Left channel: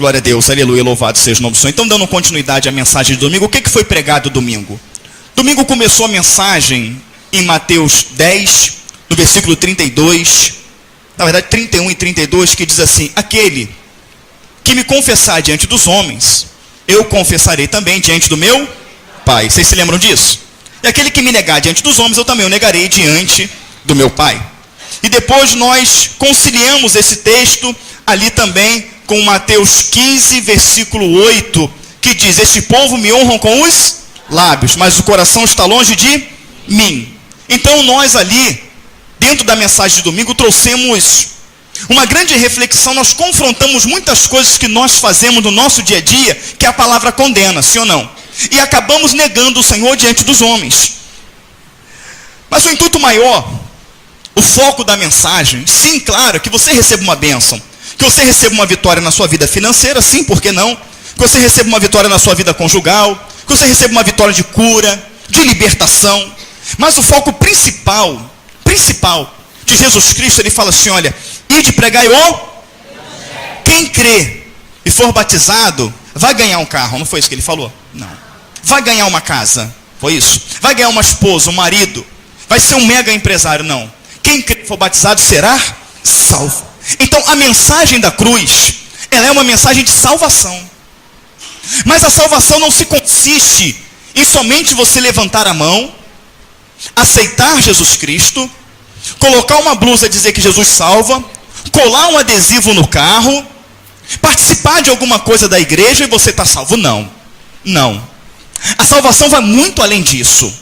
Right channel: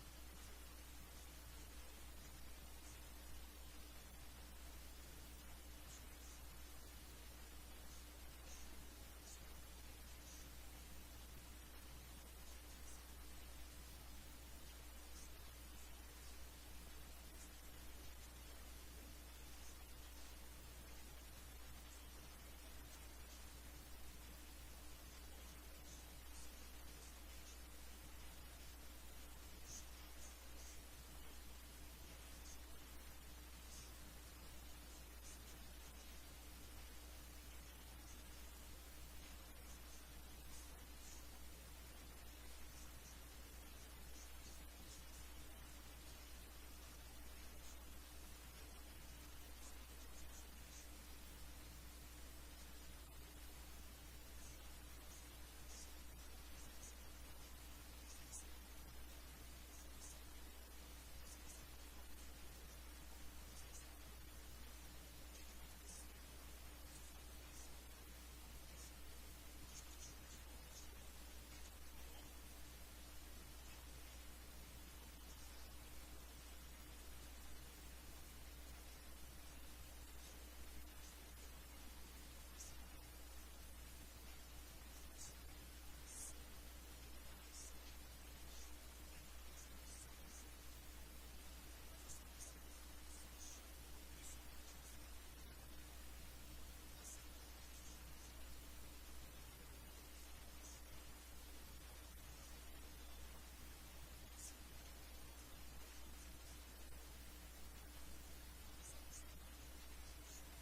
Glória a Deus, aleluia, louvado seja o nome do Senhor. Então, dando continuidade à mensagem de domingo, o que foi pregado domingo? Domingo começou a mensagem em Mateus 10, no versículo 32, na verdade 31 e 32, que diz assim: aquele que me confessar diante dos homens, eu confessarei também diante do meu Pai. Vocês se lembram disso? E aquele que me negar diante dos homens, eu também o negarei diante do meu Pai. E depois nós conciliamos esse texto ali também com Mateus 15, versículo 8, que diz: este povo me honram com os lábios, mas o coração está longe de mim. Então nós ali, dentro da mensagem de domingo, trouxemos uma grande reflexão. Nós confrontamos muitas coisas que nós fazemos no nosso dia a dia, que a palavra condena, sim ou não? E acabamos negando o Senhor diante dos homens. Mas o intuito maior, o foco da mensagem, sim, claro, que você receba uma bênção, que você receba uma vitória na sua vida financeira, sim, por que não? Que você receba uma vitória na sua vida conjugal, que você receba uma vitória de cura, de libertação. Mas o foco principal de Jesus Cristo, ele fala assim: olha, ide pregai o... quem crê e for batizado, vai ganhar um carro. Não foi isso que ele falou? Não. Vai ganhar uma casa. Foi isso? Vai ganhar uma esposa, um marido. Vai ser um mega empresário. Não. Quem crê e for batizado será salvo. Então a mensagem da cruz, ela é uma mensagem de salvação. Mas a salvação não se consiste em somente você levantar a mão, aceitar Jesus Cristo, colocar uma blusa e dizer que Jesus salva, colar um adesivo no carro, participar de alguma coisa da igreja e você está salvo. Não. Não. A salvação vai muito além disso.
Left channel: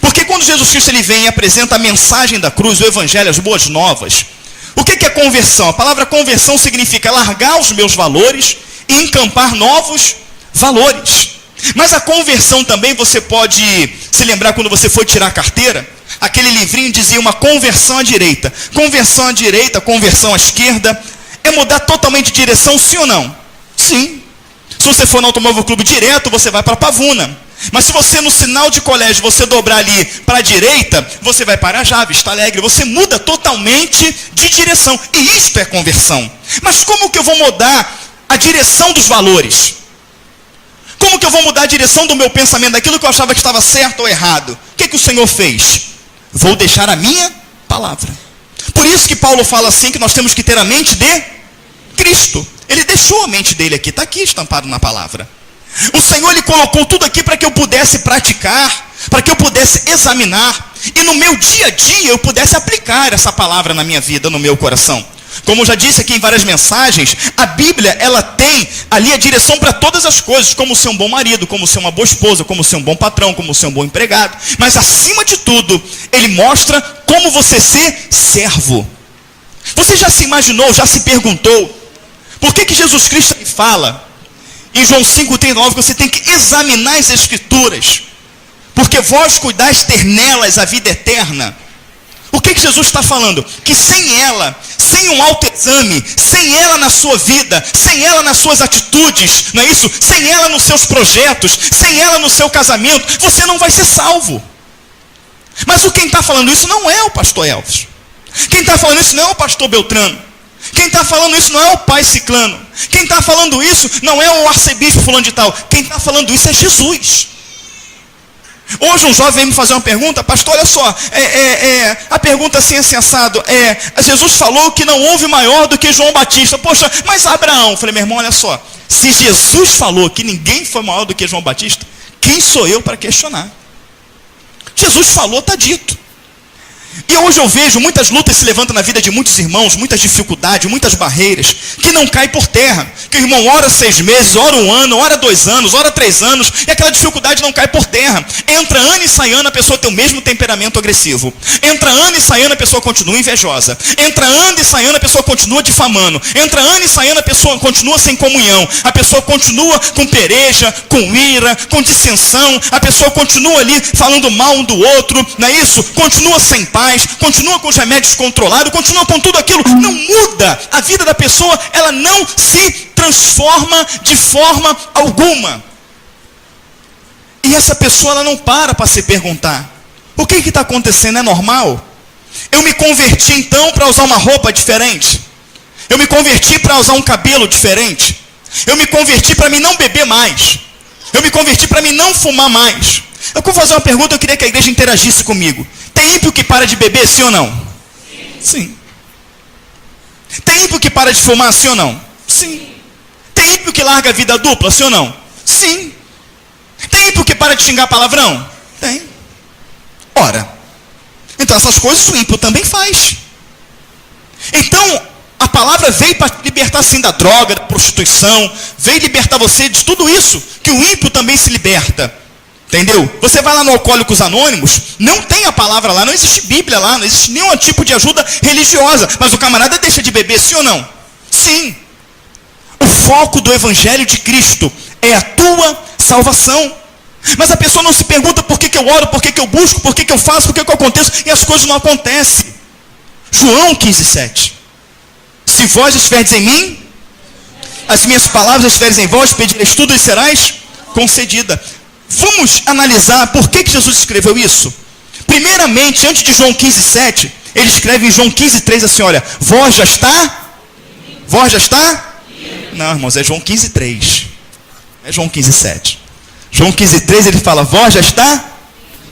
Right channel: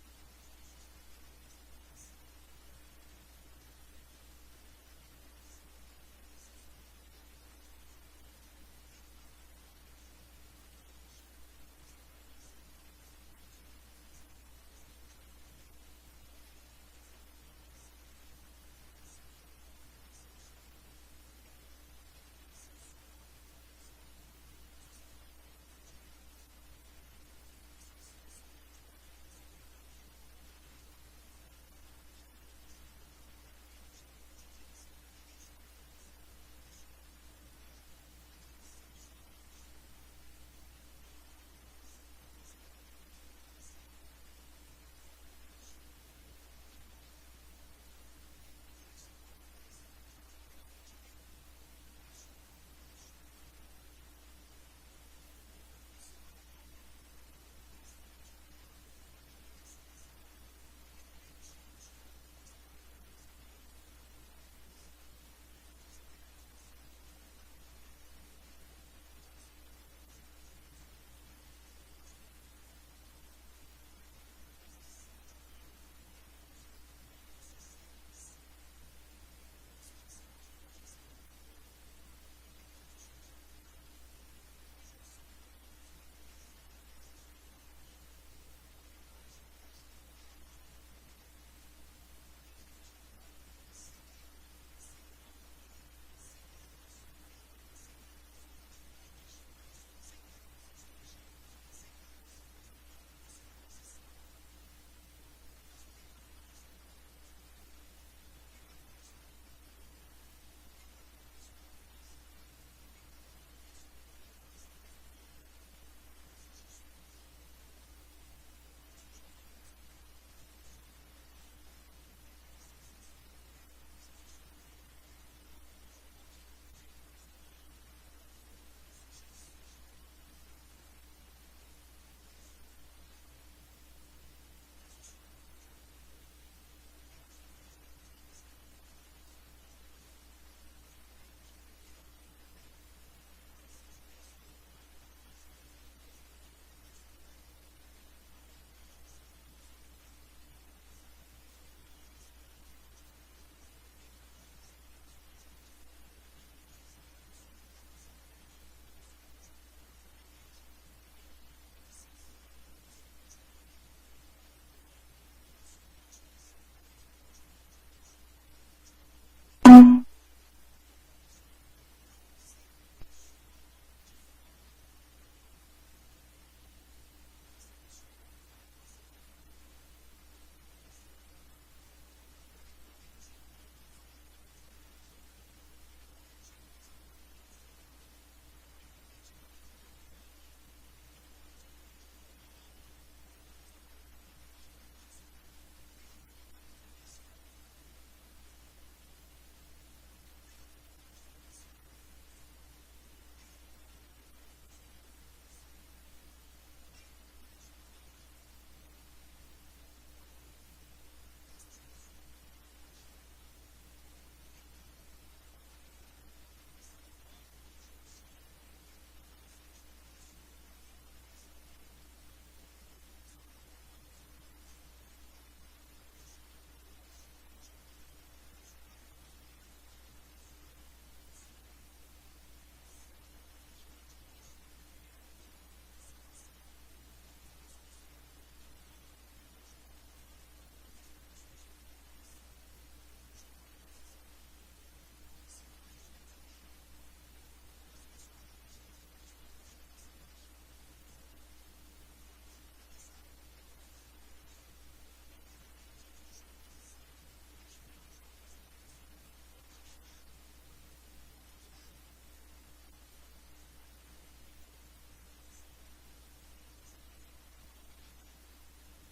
Porque quando Jesus Cristo ele vem e apresenta a mensagem da cruz, o evangelho, as boas novas, o que é conversão? A palavra conversão significa largar os meus valores e encampar novos valores. Mas a conversão também, você pode se lembrar quando você foi tirar a carteira, aquele livrinho dizia uma conversão à direita. Conversão à direita, conversão à esquerda, é mudar totalmente de direção, sim ou não? Sim. Se você for no Automóvel Clube direto, você vai para Pavuna. Mas se você no sinal de colégio, você dobrar ali para a direita, você vai para Arajá, Vista Alegre. Você muda totalmente de direção. E isto é conversão. Mas como que eu vou mudar a direção dos valores? Como que eu vou mudar a direção do meu pensamento, daquilo que eu achava que estava certo ou errado? O que o Senhor fez? Vou deixar a minha palavra. Por isso que Paulo fala assim, que nós temos que ter a mente de Cristo. Ele deixou a mente dele aqui, está aqui estampado na palavra. O Senhor, ele colocou tudo aqui para que eu pudesse praticar, para que eu pudesse examinar, e no meu dia a dia eu pudesse aplicar essa palavra na minha vida, no meu coração. Como eu já disse aqui em várias mensagens, a Bíblia, ela tem ali a direção para todas as coisas, como ser um bom marido, como ser uma boa esposa, como ser um bom patrão, como ser um bom empregado. Mas acima de tudo, ele mostra como você ser servo. Você já se imaginou, já se perguntou, por que Jesus Cristo fala em João 5,39 que você tem que examinar as Escrituras, porque vós cuidais ter nelas a vida eterna? O que Jesus está falando? Que sem ela, sem um autoexame, sem ela na sua vida, sem ela nas suas atitudes, não é isso? Sem ela nos seus projetos, sem ela no seu casamento, você não vai ser salvo. Mas quem está falando isso não é o pastor Elvis. Quem está falando isso não é o pastor Beltrano. Quem está falando isso não é o pai Ciclano. Quem está falando isso não é o arcebispo fulano de tal. Quem está falando isso é Jesus. Hoje um jovem veio me fazer uma pergunta: pastor, olha só, a pergunta assim, assim assado, Jesus falou que não houve maior do que João Batista. Poxa, mas Abraão? Eu falei: meu irmão, olha só, se Jesus falou que ninguém foi maior do que João Batista, quem sou eu para questionar? Jesus falou, está dito. E hoje eu vejo muitas lutas se levantam na vida de muitos irmãos, muitas dificuldades, muitas barreiras, que não caem por terra. Que o irmão ora 6 meses, ora 1 ano, ora 2 anos, ora 3 anos, e aquela dificuldade não cai por terra. Entra ano e sai ano, a pessoa tem o mesmo temperamento agressivo. Entra ano e sai ano, a pessoa continua invejosa. Entra ano e sai ano, a pessoa continua difamando. Entra ano e sai ano, a pessoa continua sem comunhão. A pessoa continua com pereja, com ira, com dissensão. A pessoa continua ali falando mal um do outro, não é isso? Continua sem paz. Continua com os remédios controlados, continua com tudo aquilo, não muda. A vida da pessoa, ela não se transforma de forma alguma. E essa pessoa, ela não para se perguntar: o que está acontecendo? É normal? Eu me converti então para usar uma roupa diferente? Eu me converti para usar um cabelo diferente? Eu me converti para mim não beber mais. Eu me converti para mim não fumar mais. Eu vou fazer uma pergunta, eu queria que a igreja interagisse comigo. Tem ímpio que para de beber, sim ou não? Sim. Tem ímpio que para de fumar, sim ou não? Sim. Tem ímpio que larga a vida dupla, sim ou não? Sim. Tem ímpio que para de xingar palavrão? Tem. Ora, então essas coisas o ímpio também faz. Então, a palavra veio para libertar sim da droga, da prostituição, veio libertar você de tudo isso, que o ímpio também se liberta. Entendeu? Você vai lá no Alcoólicos Anônimos, não tem a palavra lá, não existe Bíblia lá, não existe nenhum tipo de ajuda religiosa, mas o camarada deixa de beber, sim ou não? Sim. O foco do Evangelho de Cristo é a tua salvação. Mas a pessoa não se pergunta por que eu oro, por que eu busco, por que eu faço, por que eu aconteço, e as coisas não acontecem. João 15:7. Se vós estiverdes em mim, as minhas palavras estiverem em vós, pedireis tudo e serás concedida. Vamos analisar por que Jesus escreveu isso. Primeiramente, antes de João 15:7, ele escreve em João 15:3 assim, olha, vós já está? Vós já está? Não, irmãos, é João 15:3. É João 15:7. João 15:3 ele fala, vós já está?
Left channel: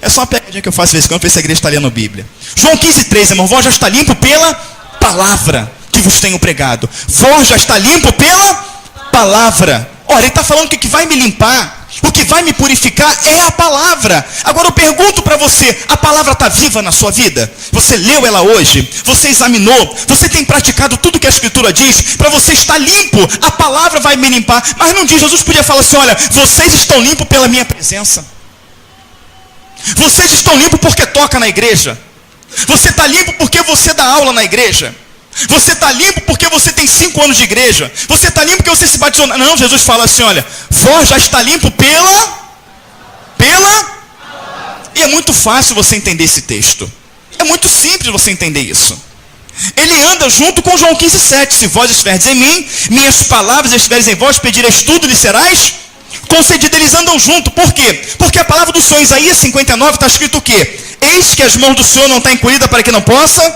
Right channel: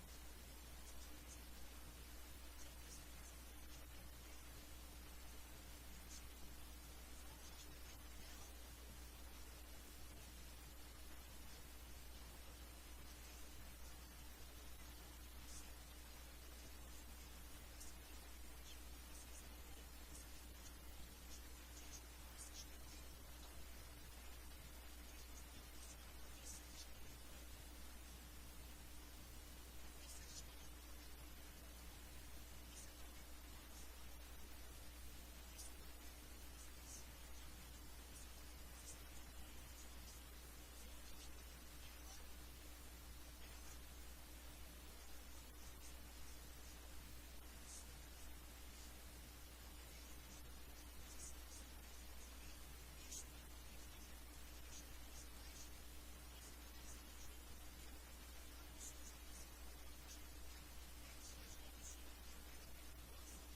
É só uma pegadinha que eu faço de vez em quando, para ver se a igreja está lendo a Bíblia. João 15:3, irmão, vós já está limpo pela palavra que vos tenho pregado. Vós já está limpo pela palavra. Olha, ele está falando que o que vai me limpar, o que vai me purificar é a palavra. Agora eu pergunto para você, a palavra está viva na sua vida? Você leu ela hoje? Você examinou? Você tem praticado tudo que a Escritura diz? Para você estar limpo, a palavra vai me limpar. Mas não diz, Jesus podia falar assim, olha, vocês estão limpos pela minha presença. Vocês estão limpos porque toca na igreja. Você está limpo porque você dá aula na igreja. Você está limpo porque você tem 5 anos de igreja. Você está limpo porque você se batizou. Não, Jesus fala assim, olha, vós já está limpo pela. E é muito fácil você entender esse texto. É muito simples você entender isso. Ele anda junto com João 15:7. Se vós estiverdes em mim, minhas palavras estiverem em vós, pedireis tudo, lhe serás concedido. Eles andam junto. Por quê? Porque a palavra do Senhor, Isaías 59, está escrito o quê? Eis que as mãos do Senhor não estão encolhidas para que não possa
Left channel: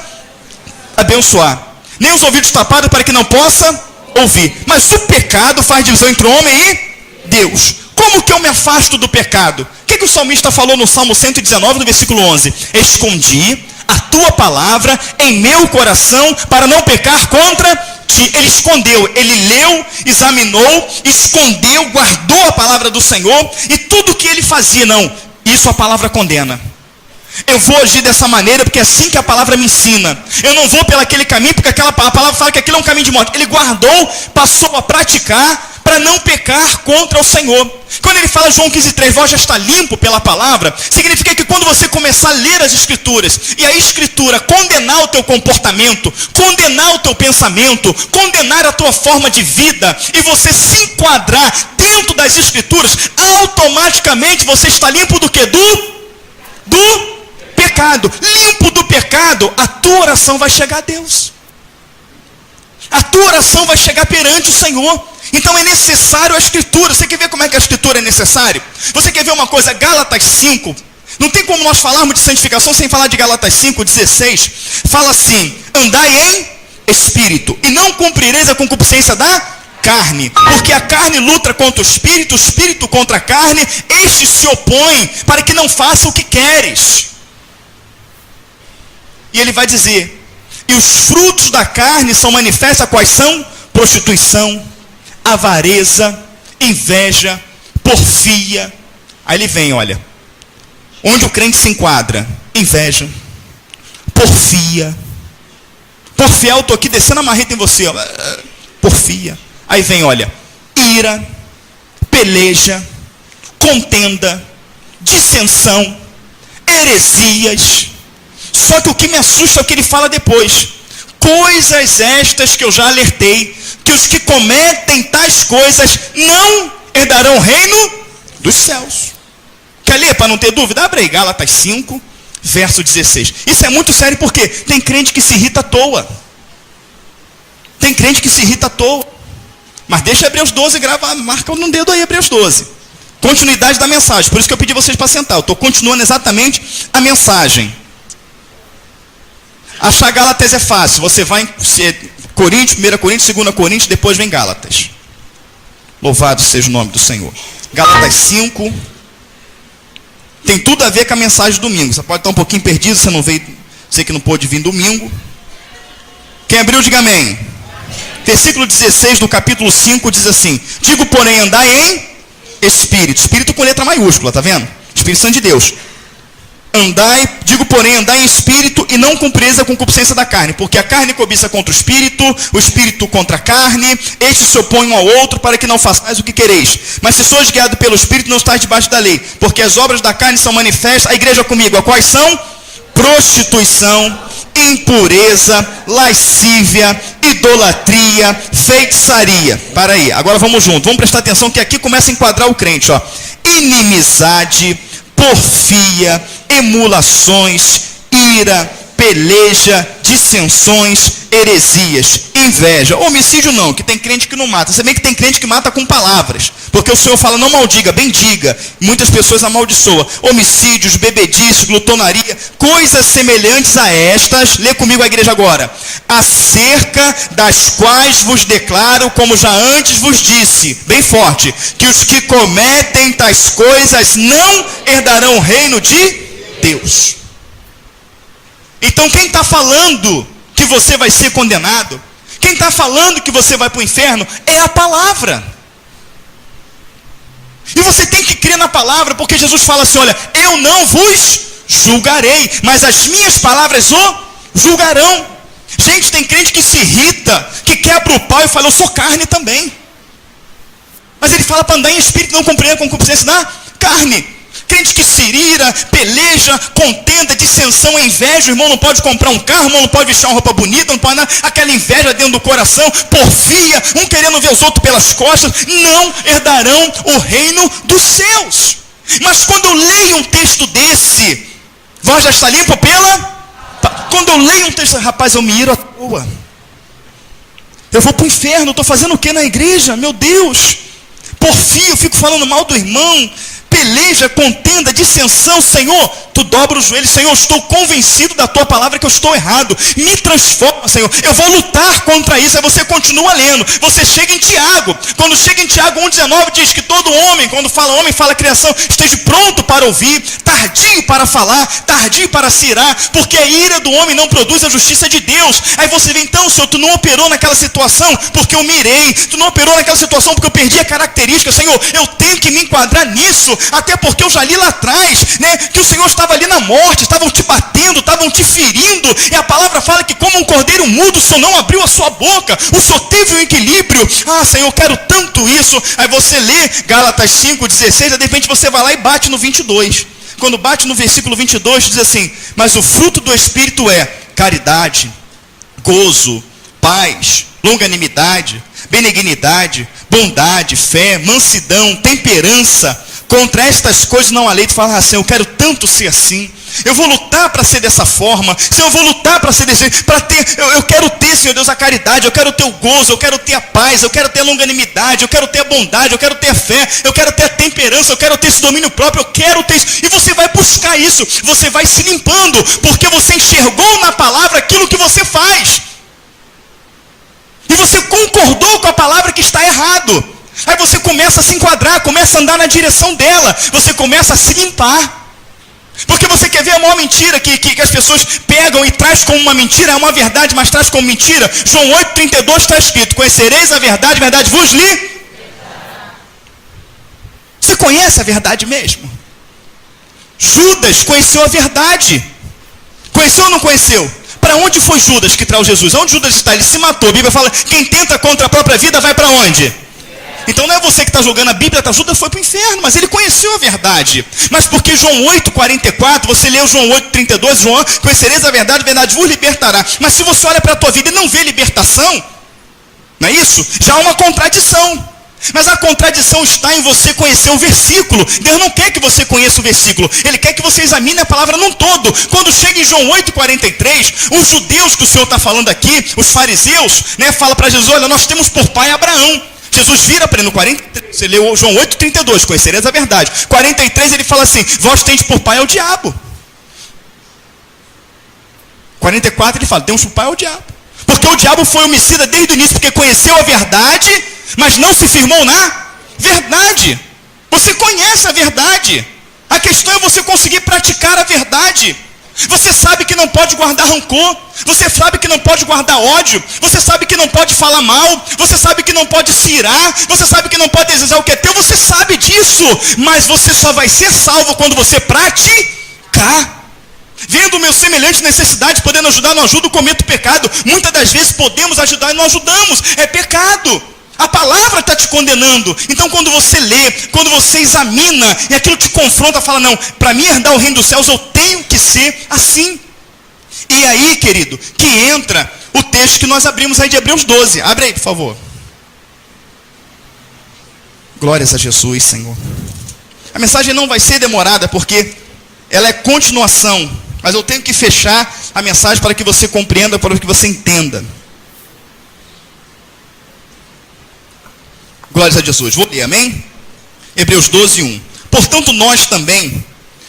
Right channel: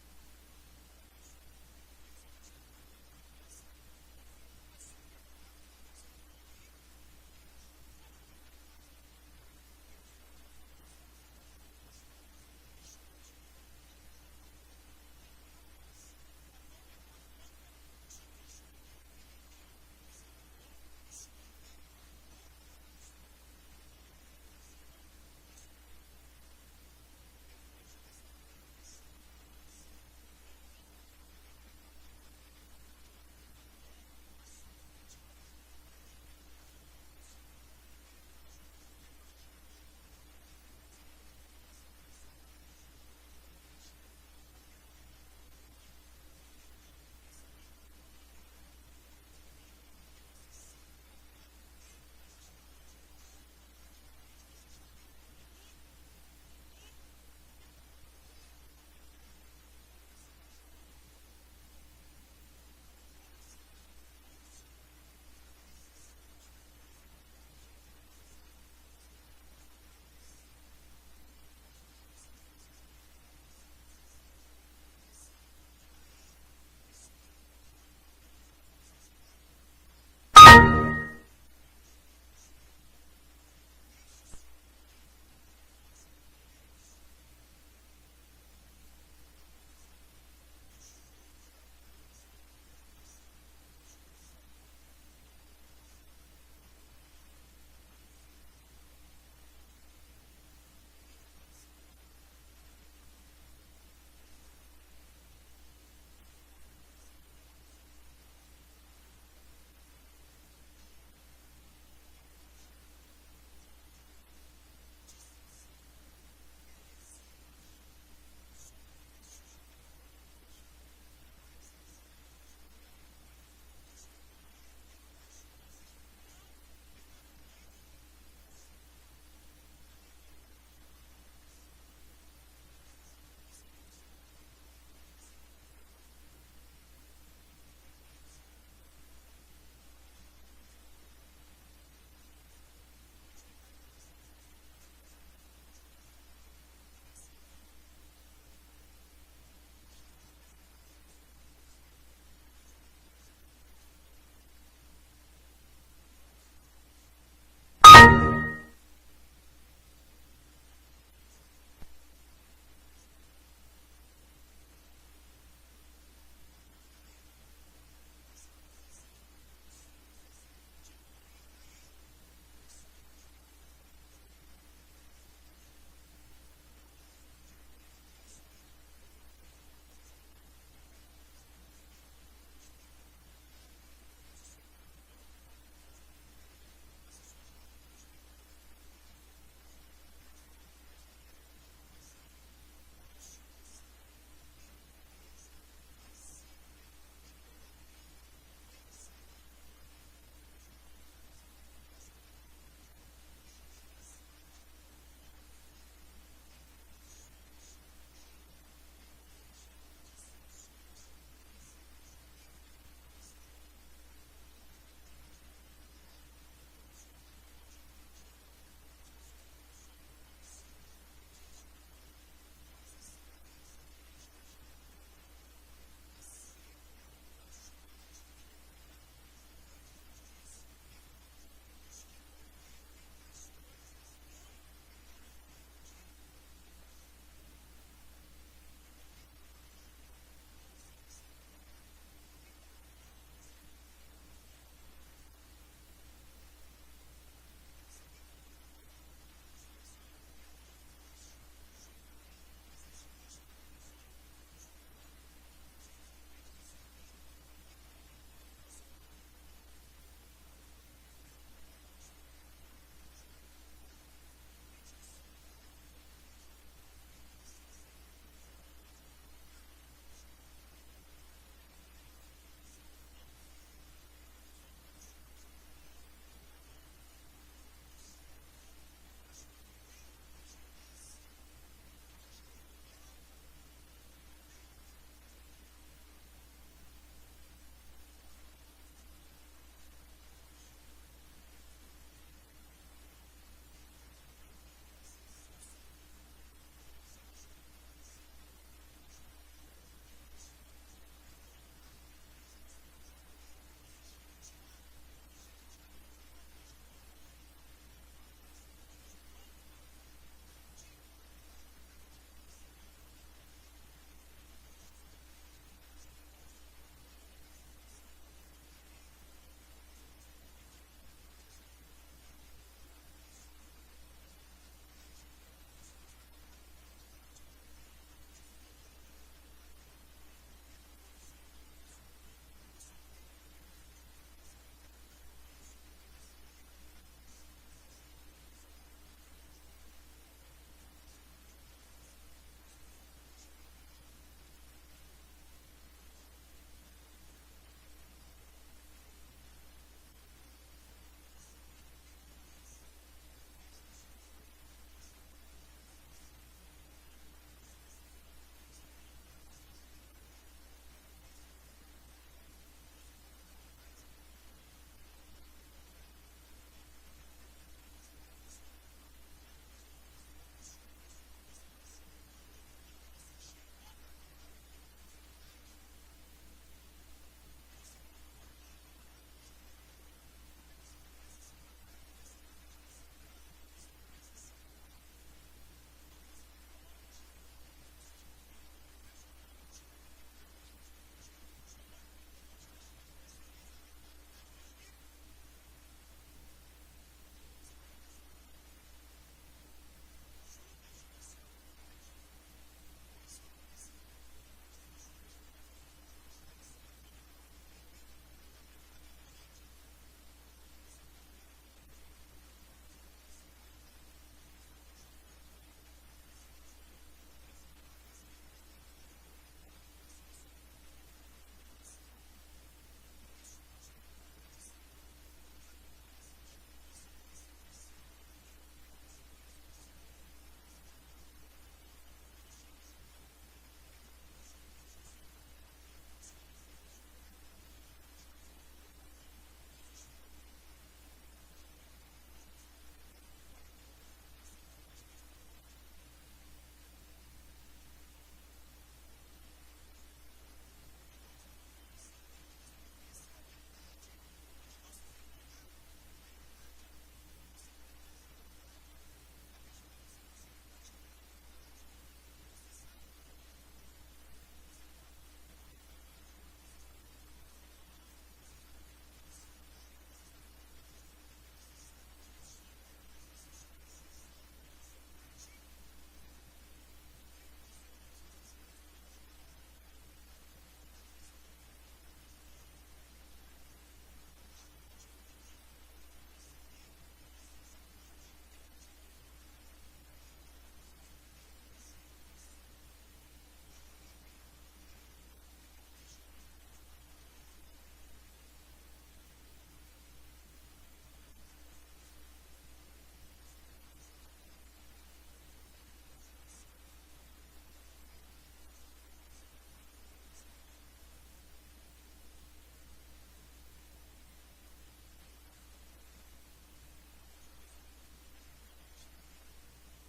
abençoar, nem os ouvidos tapados para que não possa ouvir. Mas o pecado faz divisão entre o homem e Deus. Como que eu me afasto do pecado? O que o salmista falou no Salmo 119, no versículo 11? Escondi a tua palavra em meu coração para não pecar contra ti. Ele escondeu, ele leu, examinou, escondeu, guardou a palavra do Senhor, e tudo que ele fazia, não, isso a palavra condena. Eu vou agir dessa maneira porque é assim que a palavra me ensina. Eu não vou pelo aquele caminho porque a palavra fala que aquilo é um caminho de morte. Ele guardou, passou a praticar para não pecar contra o Senhor. Quando ele fala João 15:3, vós já está limpo pela palavra, significa que quando você começar a ler as Escrituras, e a Escritura condenar o teu comportamento, condenar o teu pensamento, condenar a tua forma de vida, e você se enquadrar dentro das Escrituras, automaticamente você está limpo do que? Do pecado. Limpo do pecado, a tua oração vai chegar a Deus. A tua oração vai chegar perante o Senhor. Então é necessário a Escritura. Você quer ver como é que a Escritura é necessária? Você quer ver uma coisa? Gálatas 5. Não tem como nós falarmos de santificação sem falar de Gálatas 5:16. Fala assim, andai em espírito, e não cumprireis a concupiscência da carne, porque a carne luta contra o espírito contra a carne, estes se opõem para que não faça o que queres. E ele vai dizer, e os frutos da carne são manifestos, quais são? Prostituição, avareza, inveja, porfia. Aí ele vem, olha, onde o crente se enquadra? Inveja, porfia. Porfia, eu estou aqui descendo a marreta em você, ó. Porfia. Aí vem, olha, ira, peleja, contenda, dissensão, heresias. Só que o que me assusta é o que ele fala depois. Coisas estas que eu já alertei, que os que cometem tais coisas não herdarão o reino dos céus. Quer ler para não ter dúvida? Abre aí, Gálatas 5, verso 16. Isso é muito sério porque tem crente que se irrita à toa. Tem crente que se irrita à toa. Mas deixa Hebreus 12 gravar, marca no dedo aí Hebreus 12. Continuidade da mensagem. Por isso que eu pedi vocês para sentar. Eu estou continuando exatamente a mensagem. Achar Gálatas é fácil. Você vai em Coríntios, 1 Coríntios, 2 Coríntios, depois vem Gálatas. Louvado seja o nome do Senhor. Gálatas 5. Tem tudo a ver com a mensagem de domingo. Você pode estar um pouquinho perdido, você não veio, você que não pôde vir domingo. Quem abriu, diga amém. Versículo 16 do capítulo 5 diz assim: digo, porém, andai em espírito. Espírito com letra maiúscula, tá vendo? Espírito Santo de Deus. Digo, porém, andai em espírito e não cumprireis a concupiscência da carne, porque a carne cobiça contra o espírito contra a carne, estes se opõem um ao outro para que não façais o que quereis. Mas se sois guiados pelo espírito, não estáis debaixo da lei, porque as obras da carne são manifestas. A igreja comigo, a quais são? Prostituição, impureza, lascívia, idolatria, feitiçaria. Para aí, agora vamos junto, vamos prestar atenção que aqui começa a enquadrar o crente, ó. Inimizade, porfia, emulações, ira, peleja, dissensões, heresias, inveja. Homicídio não, que tem crente que não mata. Se bem que tem crente que mata com palavras, porque o Senhor fala, não maldiga, bendiga. Muitas pessoas amaldiçoam. Homicídios, bebedice, glutonaria, coisas semelhantes a estas. Lê comigo a igreja agora. Acerca das quais vos declaro, como já antes vos disse, bem forte, que os que cometem tais coisas não herdarão o reino de Deus. Então quem está falando que você vai ser condenado, quem está falando que você vai para o inferno, é a palavra. E você tem que crer na palavra, porque Jesus fala assim, olha, eu não vos julgarei, mas as minhas palavras o julgarão. Gente, tem crente que se irrita, que quebra o pau e fala, eu sou carne também. Mas ele fala para andar em espírito, não compreender a concupiscência da carne. Crente que se ira, peleja, contenda, dissensão, inveja. O irmão não pode comprar um carro, o irmão não pode vestir uma roupa bonita, não pode nada. Aquela inveja dentro do coração, porfia, um querendo ver os outros pelas costas. Não herdarão o reino dos céus. Mas quando eu leio um texto desse, voz já está limpa pela... Quando eu leio um texto, rapaz, eu me iro à toa. Eu vou para o inferno, estou fazendo o que na igreja? Meu Deus. Porfia, eu fico falando mal do irmão. Peleja, contenda, dissensão. Senhor, tu dobra os joelhos. Senhor, eu estou convencido da tua palavra que eu estou errado. Me transforma, Senhor. Eu vou lutar contra isso. Aí você continua lendo. Você chega em Tiago. Quando chega em Tiago 1,19 diz que todo homem, quando fala homem, fala criação, esteja pronto para ouvir, tardio para falar, tardio para se irar, porque a ira do homem não produz a justiça de Deus. Aí você vê, então, Senhor, tu não operou naquela situação porque eu me irei. Tu não operou naquela situação porque eu perdi a característica. Senhor, eu tenho que me enquadrar nisso. Até porque eu já li lá atrás, né, que o Senhor estava ali na morte, estavam te batendo, estavam te ferindo, e a palavra fala que como um cordeiro mudo, o Senhor não abriu a sua boca, o Senhor teve um equilíbrio. Ah, Senhor, eu quero tanto isso. Aí você lê Gálatas 5,16, de repente você vai lá e bate no 22. Quando bate no versículo 22, diz assim, mas o fruto do Espírito é caridade, gozo, paz, longanimidade, benignidade, bondade, fé, mansidão, temperança. Contra estas coisas não há lei. Tu fala assim, eu quero tanto ser assim. Eu vou lutar para ser dessa forma. Senhor, eu vou lutar para ser desse jeito. Eu quero ter, Senhor Deus, a caridade. Eu quero ter o gozo. Eu quero ter a paz. Eu quero ter a longanimidade. Eu quero ter a bondade. Eu quero ter a fé. Eu quero ter a temperança. Eu quero ter esse domínio próprio. Eu quero ter isso. E você vai buscar isso. Você vai se limpando. Porque você enxergou na palavra aquilo que você faz. E você concordou com a palavra que está errado. Aí você começa a se enquadrar, começa a andar na direção dela. Você começa a se limpar. Porque você quer ver a maior mentira que as pessoas pegam e traz como uma mentira, é uma verdade, mas traz como mentira. João 8,32 está escrito, conhecereis a verdade vos li. Você conhece a verdade mesmo? Judas conheceu a verdade. Conheceu ou não conheceu? Para onde foi Judas que traiu Jesus? Onde Judas está? Ele se matou. A Bíblia fala, quem tenta contra a própria vida vai para onde? Então não é você que está julgando a Bíblia, Judas foi para o inferno, mas ele conheceu a verdade. Mas porque João 8,44, você leu João 8,32, João, conhecereis a verdade vos libertará. Mas se você olha para a tua vida e não vê libertação, não é isso? Já há uma contradição. Mas a contradição está em você conhecer o versículo. Deus não quer que você conheça o versículo. Ele quer que você examine a palavra num todo. Quando chega em João 8,43, os judeus que o Senhor está falando aqui, os fariseus, né, fala para Jesus, olha, nós temos por pai Abraão. Jesus vira para ele no 43, você leu João 8,32, conhecereis a verdade. 43 ele fala assim, vós tendes por pai ao diabo. 44 ele fala, temos por pai ao diabo. Porque o diabo foi homicida desde o início, porque conheceu a verdade, mas não se firmou na Verdade. Você conhece a verdade. A questão é você conseguir praticar a verdade. Você sabe que não pode guardar rancor. Você sabe que não pode guardar ódio. Você sabe que não pode falar mal. Você sabe que não pode se irar. Você sabe que não pode desejar o que é teu. Você sabe disso. Mas você só vai ser salvo quando você praticar. Vendo o meu semelhante necessidade, podendo ajudar, não ajudo, cometo pecado. Muitas das vezes podemos ajudar e não ajudamos. É pecado. A palavra está te condenando. Então quando você lê, quando você examina, e aquilo te confronta, fala, não, para mim herdar o reino dos céus, eu tenho que ser assim. E aí, querido, que entra o texto que nós abrimos aí de Hebreus 12. Abre aí, por favor. Glórias a Jesus, Senhor. A mensagem não vai ser demorada, porque ela é continuação. Mas eu tenho que fechar a mensagem para que você compreenda, para que você entenda. Glórias a Jesus. Vou ler, amém? Hebreus 12, 1. Portanto, nós também,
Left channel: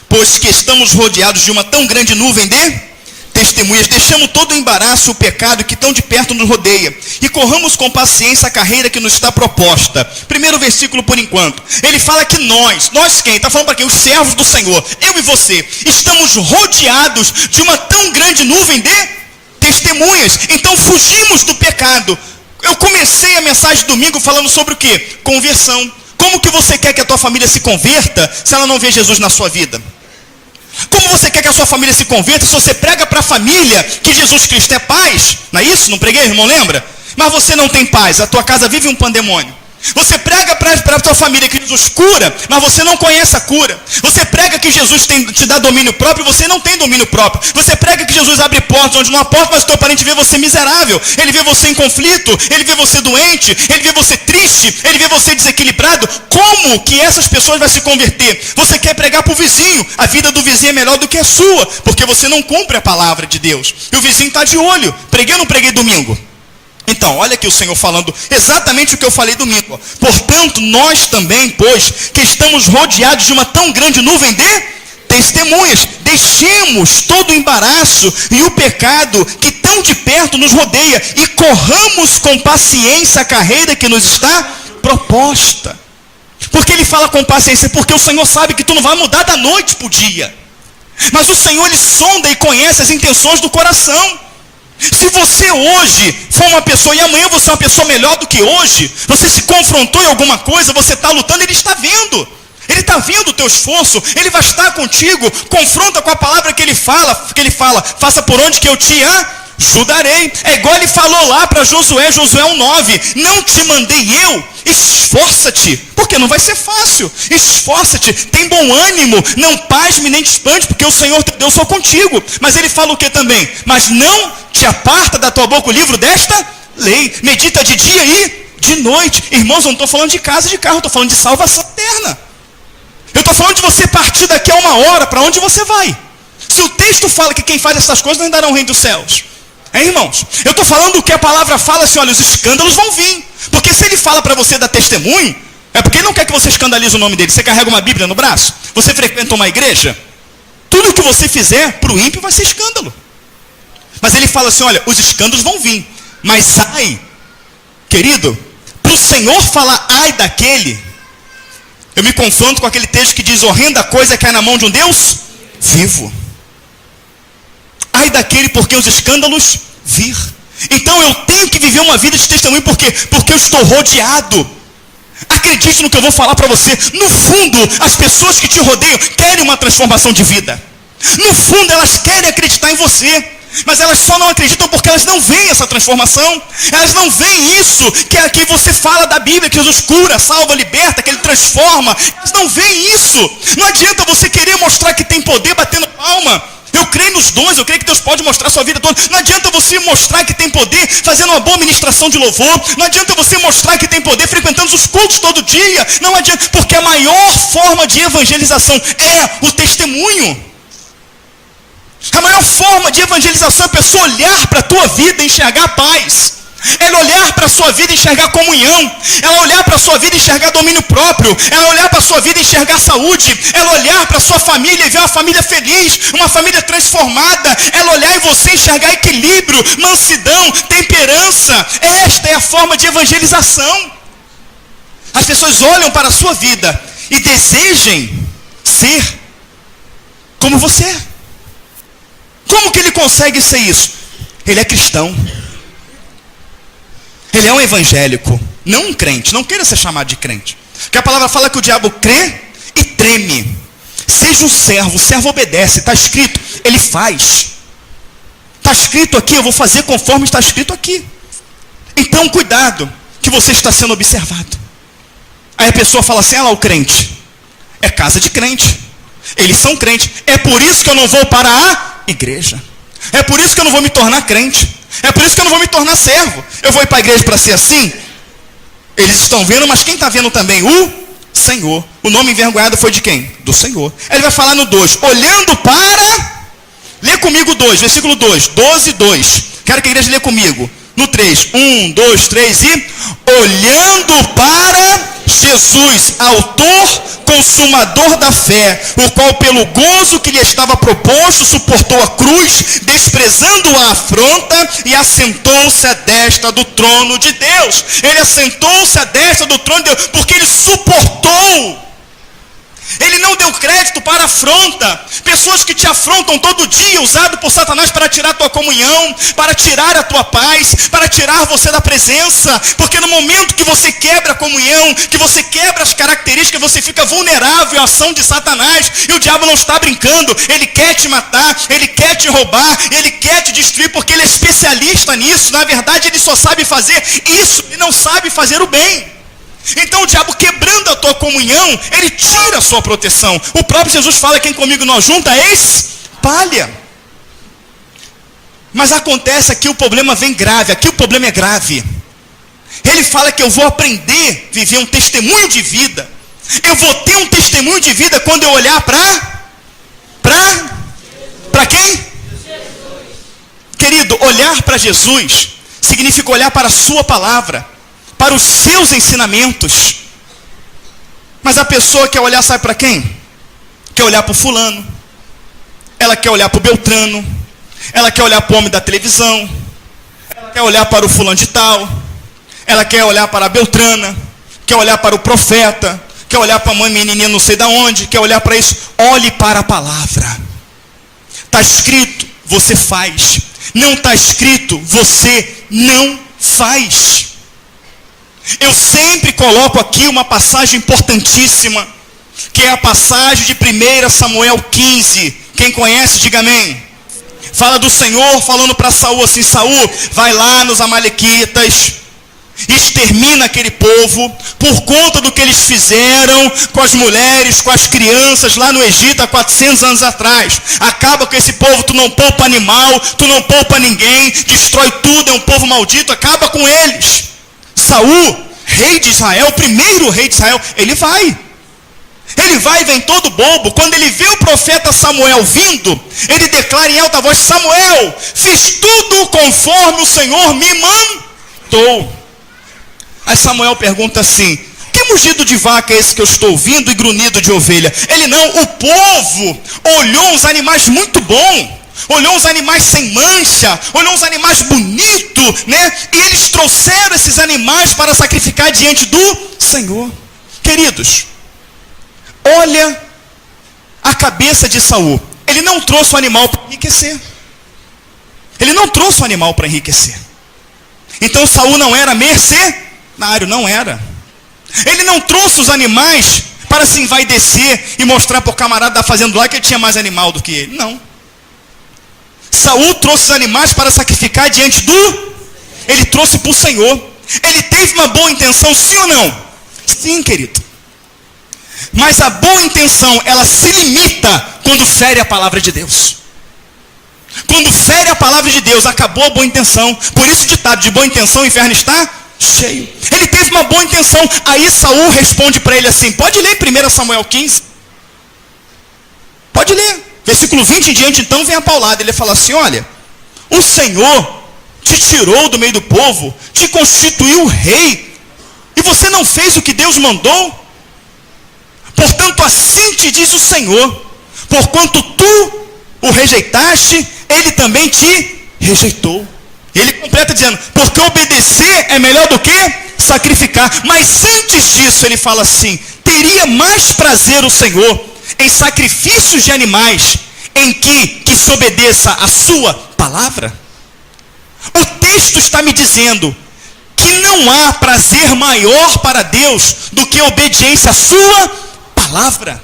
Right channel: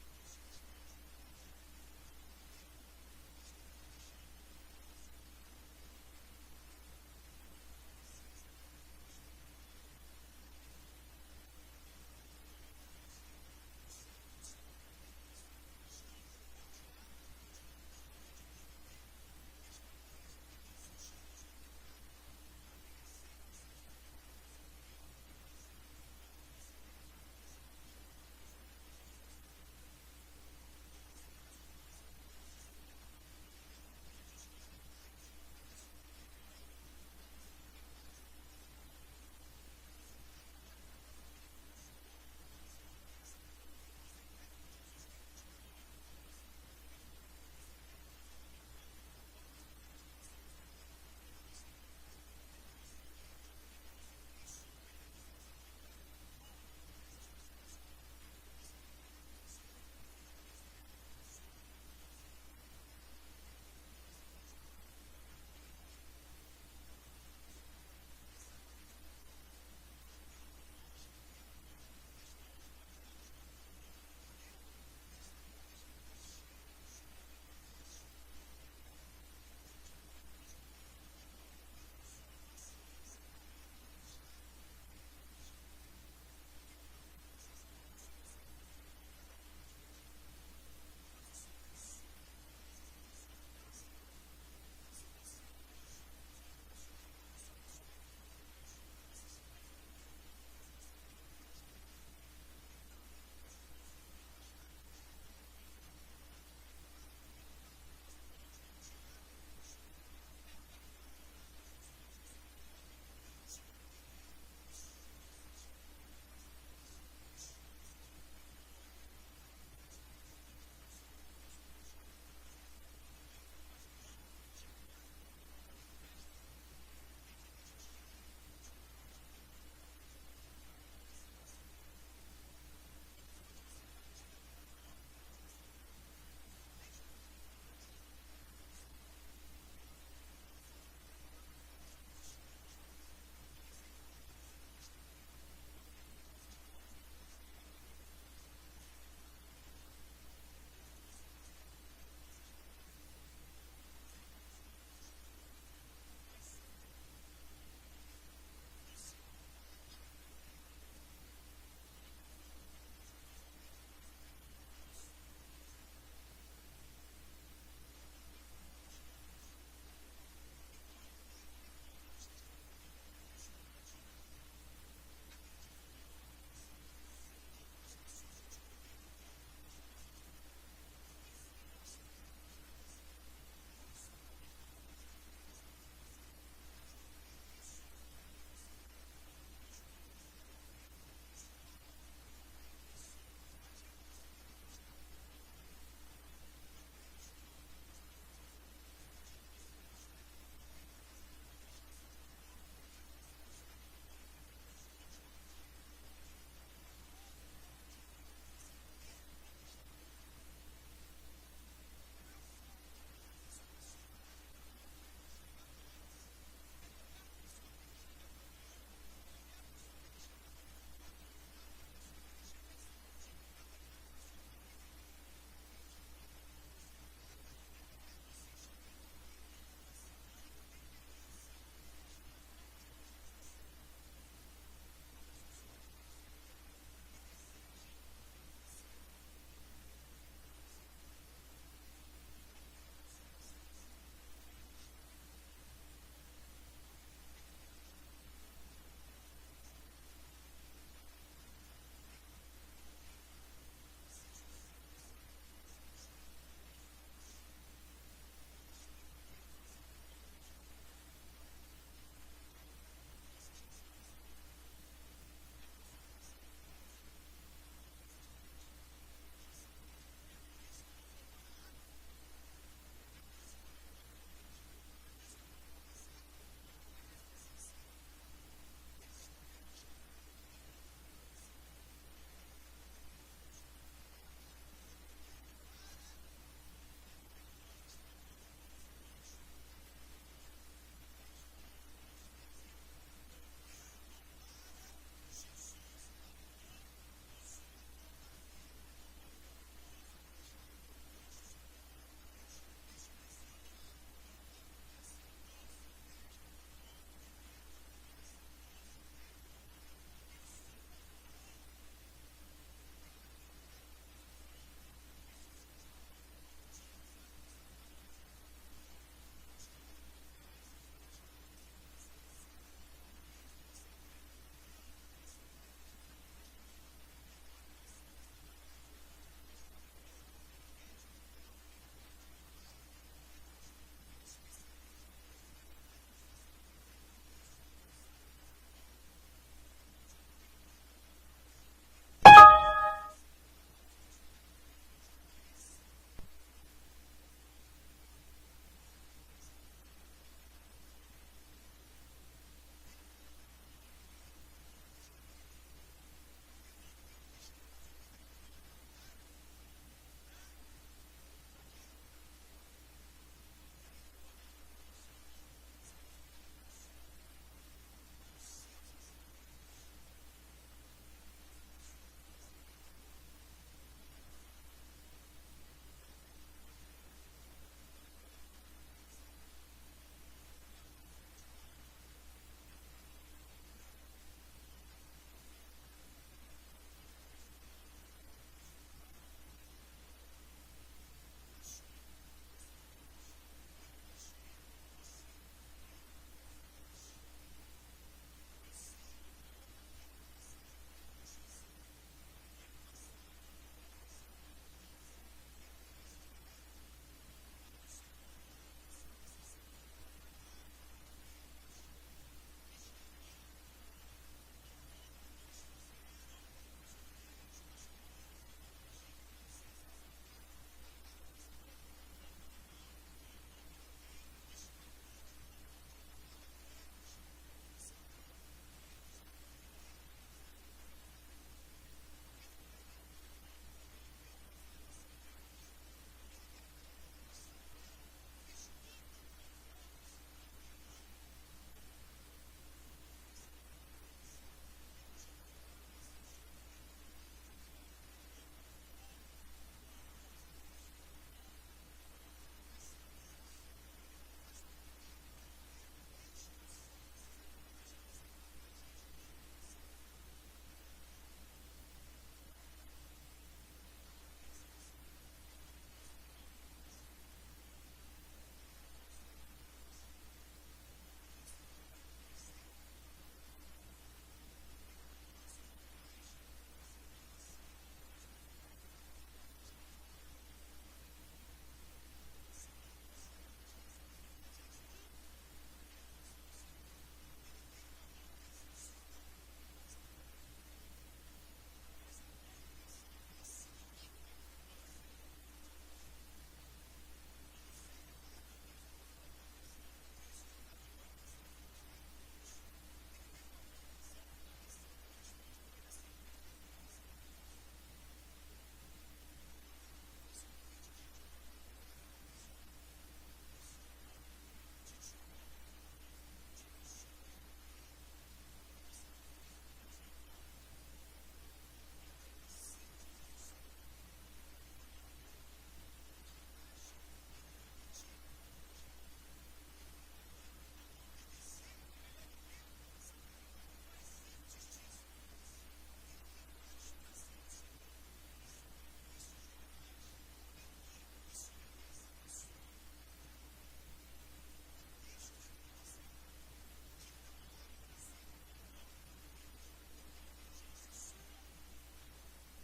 pois que estamos rodeados de uma tão grande nuvem de testemunhas, deixamos todo o embaraço e o pecado que tão de perto nos rodeia, e corramos com paciência a carreira que nos está proposta. Primeiro versículo por enquanto. Ele fala que nós quem? Está falando para quem? Os servos do Senhor, eu e você, estamos rodeados de uma tão grande nuvem de testemunhas. Então fugimos do pecado. Eu comecei a mensagem domingo falando sobre o quê? Conversão. Como que você quer que a tua família se converta se ela não vê Jesus na sua vida? Como você quer que a sua família se converta se você prega para a família que Jesus Cristo é paz? Não é isso? Não preguei, irmão? Lembra? Mas você não tem paz, a tua casa vive um pandemônio. Você prega para a tua família que Jesus cura, mas você não conhece a cura. Você prega que Jesus te dá domínio próprio, você não tem domínio próprio. Você prega que Jesus abre portas onde não há porta, mas o teu parente vê você miserável. Ele vê você em conflito, ele vê você doente, ele vê você triste, ele vê você desequilibrado. Como que essas pessoas vão se converter? Você quer pregar para o vizinho, a vida do vizinho é melhor do que a sua, porque você não cumpre a palavra de Deus. E o vizinho está de olho. Preguei ou não preguei domingo? Então, olha aqui o Senhor falando exatamente o que eu falei domingo. Portanto, nós também, pois, que estamos rodeados de uma tão grande nuvem de testemunhas, deixemos todo o embaraço e o pecado que tão de perto nos rodeia e corramos com paciência a carreira que nos está proposta. Porque ele fala com paciência? Porque o Senhor sabe que tu não vai mudar da noite para o dia. Mas o Senhor, ele sonda e conhece as intenções do coração. Se você hoje for uma pessoa e amanhã você é uma pessoa melhor do que hoje, você se confrontou em alguma coisa, você está lutando, ele está vendo. Ele está vendo o teu esforço, ele vai estar contigo. Confronta com a palavra que ele fala, faça por onde que eu te ajudarei. É igual ele falou lá para Josué, Josué 1:9, não te mandei eu, esforça-te, porque não vai ser fácil. Esforça-te, tem bom ânimo, não pasme nem te espante, porque o Senhor teu Deus sou contigo. Mas ele fala o que também? Mas não te aparta da tua boca o livro desta lei, medita de dia e de noite. Irmãos, eu não estou falando de casa e de carro, eu estou falando de salvação eterna. Eu estou falando de você partir daqui a 1 hora, para onde você vai? Se o texto fala que quem faz essas coisas não herdará o reino dos céus. Irmãos, eu estou falando o que a palavra fala assim, olha, os escândalos vão vir. Porque se ele fala para você dar testemunho, é porque ele não quer que você escandalize o nome dele. Você carrega uma Bíblia no braço? Você frequenta uma igreja? Tudo que você fizer para o ímpio vai ser escândalo. Mas ele fala assim, olha, os escândalos vão vir. Mas ai, querido, para o Senhor falar ai daquele, eu me confronto com aquele texto que diz, horrenda coisa que é na mão de um Deus vivo. Ai daquele porque os escândalos vir. Então eu tenho que viver uma vida de testemunho, porque eu estou rodeado. Acredite no que eu vou falar para você. No fundo, as pessoas que te rodeiam querem uma transformação de vida. No fundo, elas querem acreditar em você. Mas elas só não acreditam porque elas não veem essa transformação. Elas não veem isso que aqui você fala da Bíblia, que Jesus cura, salva, liberta, que Ele transforma. Elas não veem isso. Não adianta você querer mostrar que tem poder batendo palma. Eu creio nos dons, eu creio que Deus pode mostrar a sua vida toda. Não adianta você mostrar que tem poder fazendo uma boa ministração de louvor. Não adianta você mostrar que tem poder frequentando os cultos todo dia. Não adianta, porque a maior forma de evangelização é o testemunho. A maior forma de evangelização é a pessoa olhar para a tua vida e enxergar paz. Ela olhar para a sua vida e enxergar comunhão. Ela olhar para a sua vida e enxergar domínio próprio. Ela olhar para a sua vida e enxergar saúde. Ela olhar para a sua família e ver uma família feliz, uma família transformada. Ela olhar em você e enxergar equilíbrio, mansidão, temperança. Esta é a forma de evangelização. as pessoas olham para a sua vida e desejem ser como você é. Como que ele consegue ser isso? Ele é cristão. Ele é um evangélico, não um crente. Não queira ser chamado de crente. Porque a palavra fala que o diabo crê e treme. Seja um servo, o servo obedece. Está escrito, ele faz. Está escrito aqui, eu vou fazer conforme está escrito aqui. Então cuidado, que você está sendo observado. Aí a pessoa fala assim, o crente. É casa de crente. Eles são crentes. É por isso que eu não vou para a igreja. É por isso que eu não vou me tornar crente. É por isso que eu não vou me tornar servo. Eu vou ir para a igreja para ser assim? Eles estão vendo, mas quem está vendo também? O Senhor. O nome envergonhado foi de quem? Do Senhor. Ele vai falar no 2. Olhando para... Lê comigo 2, versículo 2. 12, 2. Quero que a igreja lê comigo. No 3. 1, 2, 3 e... Olhando para Jesus, autor, consumador da fé, o qual pelo gozo que lhe estava proposto, suportou a cruz, desprezando a afronta, e assentou-se à destra do trono de Deus. Ele assentou-se à destra do trono de Deus, porque ele suportou. Ele não deu crédito para a afronta. Pessoas que te afrontam todo dia, usado por Satanás para tirar a tua comunhão, para tirar a tua paz, para tirar você da presença. Porque no momento que você quebra a comunhão, que você quebra as características, você fica vulnerável à ação de Satanás. E o diabo não está brincando. Ele quer te matar, ele quer te roubar, ele quer te destruir, porque ele é especialista nisso. Na verdade, ele só sabe fazer isso e não sabe fazer o bem. Então o diabo, quebrando a tua comunhão, ele tira a sua proteção. O próprio Jesus fala, quem comigo não junta, espalha. Mas acontece aqui, o problema vem grave. Aqui o problema é grave. Ele fala que eu vou aprender a viver um testemunho de vida. Eu vou ter um testemunho de vida quando eu olhar para quem? Jesus. Querido, olhar para Jesus significa olhar para a sua palavra, para os seus ensinamentos. Mas a pessoa quer olhar, sabe para quem? Quer olhar para o fulano. Ela quer olhar para o Beltrano. Ela quer olhar para o homem da televisão. Ela quer olhar para o fulano de tal. Ela quer olhar para a Beltrana. Quer olhar para o profeta. Quer olhar para a mãe menininha não sei de onde. Quer olhar para isso. Olhe para a palavra. Está escrito, você faz. Não está escrito, você não faz. Eu sempre coloco aqui uma passagem importantíssima, que é a passagem de 1 Samuel 15. Quem conhece, diga amém. Fala do Senhor falando para Saul assim, Saul, vai lá nos amalequitas, extermina aquele povo, por conta do que eles fizeram com as mulheres, com as crianças lá no Egito há 400 anos atrás. Acaba com esse povo, tu não poupa animal, tu não poupa ninguém, destrói tudo, é um povo maldito, acaba com eles. Saul, rei de Israel, o primeiro rei de Israel, ele vai e vem todo bobo. Quando ele vê o profeta Samuel vindo, ele declara em alta voz, Samuel, fiz tudo conforme o Senhor me mandou. Aí Samuel pergunta assim, que mugido de vaca é esse que eu estou ouvindo e grunhido de ovelha? Ele não, o povo olhou uns animais muito bons, olhou uns animais sem mancha, olhou uns animais bonitos, né? E eles trouxeram esses animais para sacrificar diante do Senhor. Queridos, olha a cabeça de Saul. Ele não trouxe o animal para enriquecer. Ele não trouxe o animal para enriquecer. Então Saul não era mercenário, não era. Ele não trouxe os animais para se envaidecer e mostrar para o camarada da fazenda lá que ele tinha mais animal do que ele. Não. Saul trouxe os animais para sacrificar diante do... Ele trouxe para o Senhor. Ele teve uma boa intenção, sim ou não? Sim, querido. Mas a boa intenção, ela se limita quando fere a palavra de Deus. Quando fere a palavra de Deus, acabou a boa intenção. Por isso o ditado, de boa intenção o inferno está cheio. Ele teve uma boa intenção. Aí Saul responde para ele assim, pode ler 1 Samuel 15. Pode ler. Versículo 20 em diante, então, vem a paulada. Ele fala assim, olha, o Senhor te tirou do meio do povo, te constituiu rei, e você não fez o que Deus mandou? Portanto, assim te diz o Senhor, porquanto tu o rejeitaste, ele também te rejeitou. Ele completa dizendo, porque obedecer é melhor do que sacrificar. Mas antes disso ele fala assim: teria mais prazer o Senhor em sacrifícios de animais, em que se obedeça a sua palavra? O texto está me dizendo que não há prazer maior para Deus do que a obediência à sua palavra.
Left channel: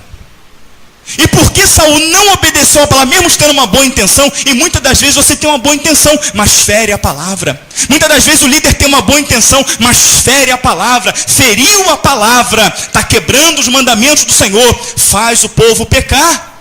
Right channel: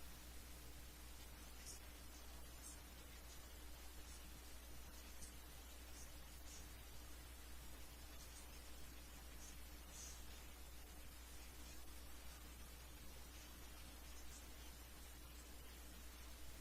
E por que Saul não obedeceu a palavra, mesmo tendo uma boa intenção? E muitas das vezes você tem uma boa intenção, mas fere a palavra. Muitas das vezes o líder tem uma boa intenção, mas fere a palavra, feriu a palavra, está quebrando os mandamentos do Senhor, faz o povo pecar.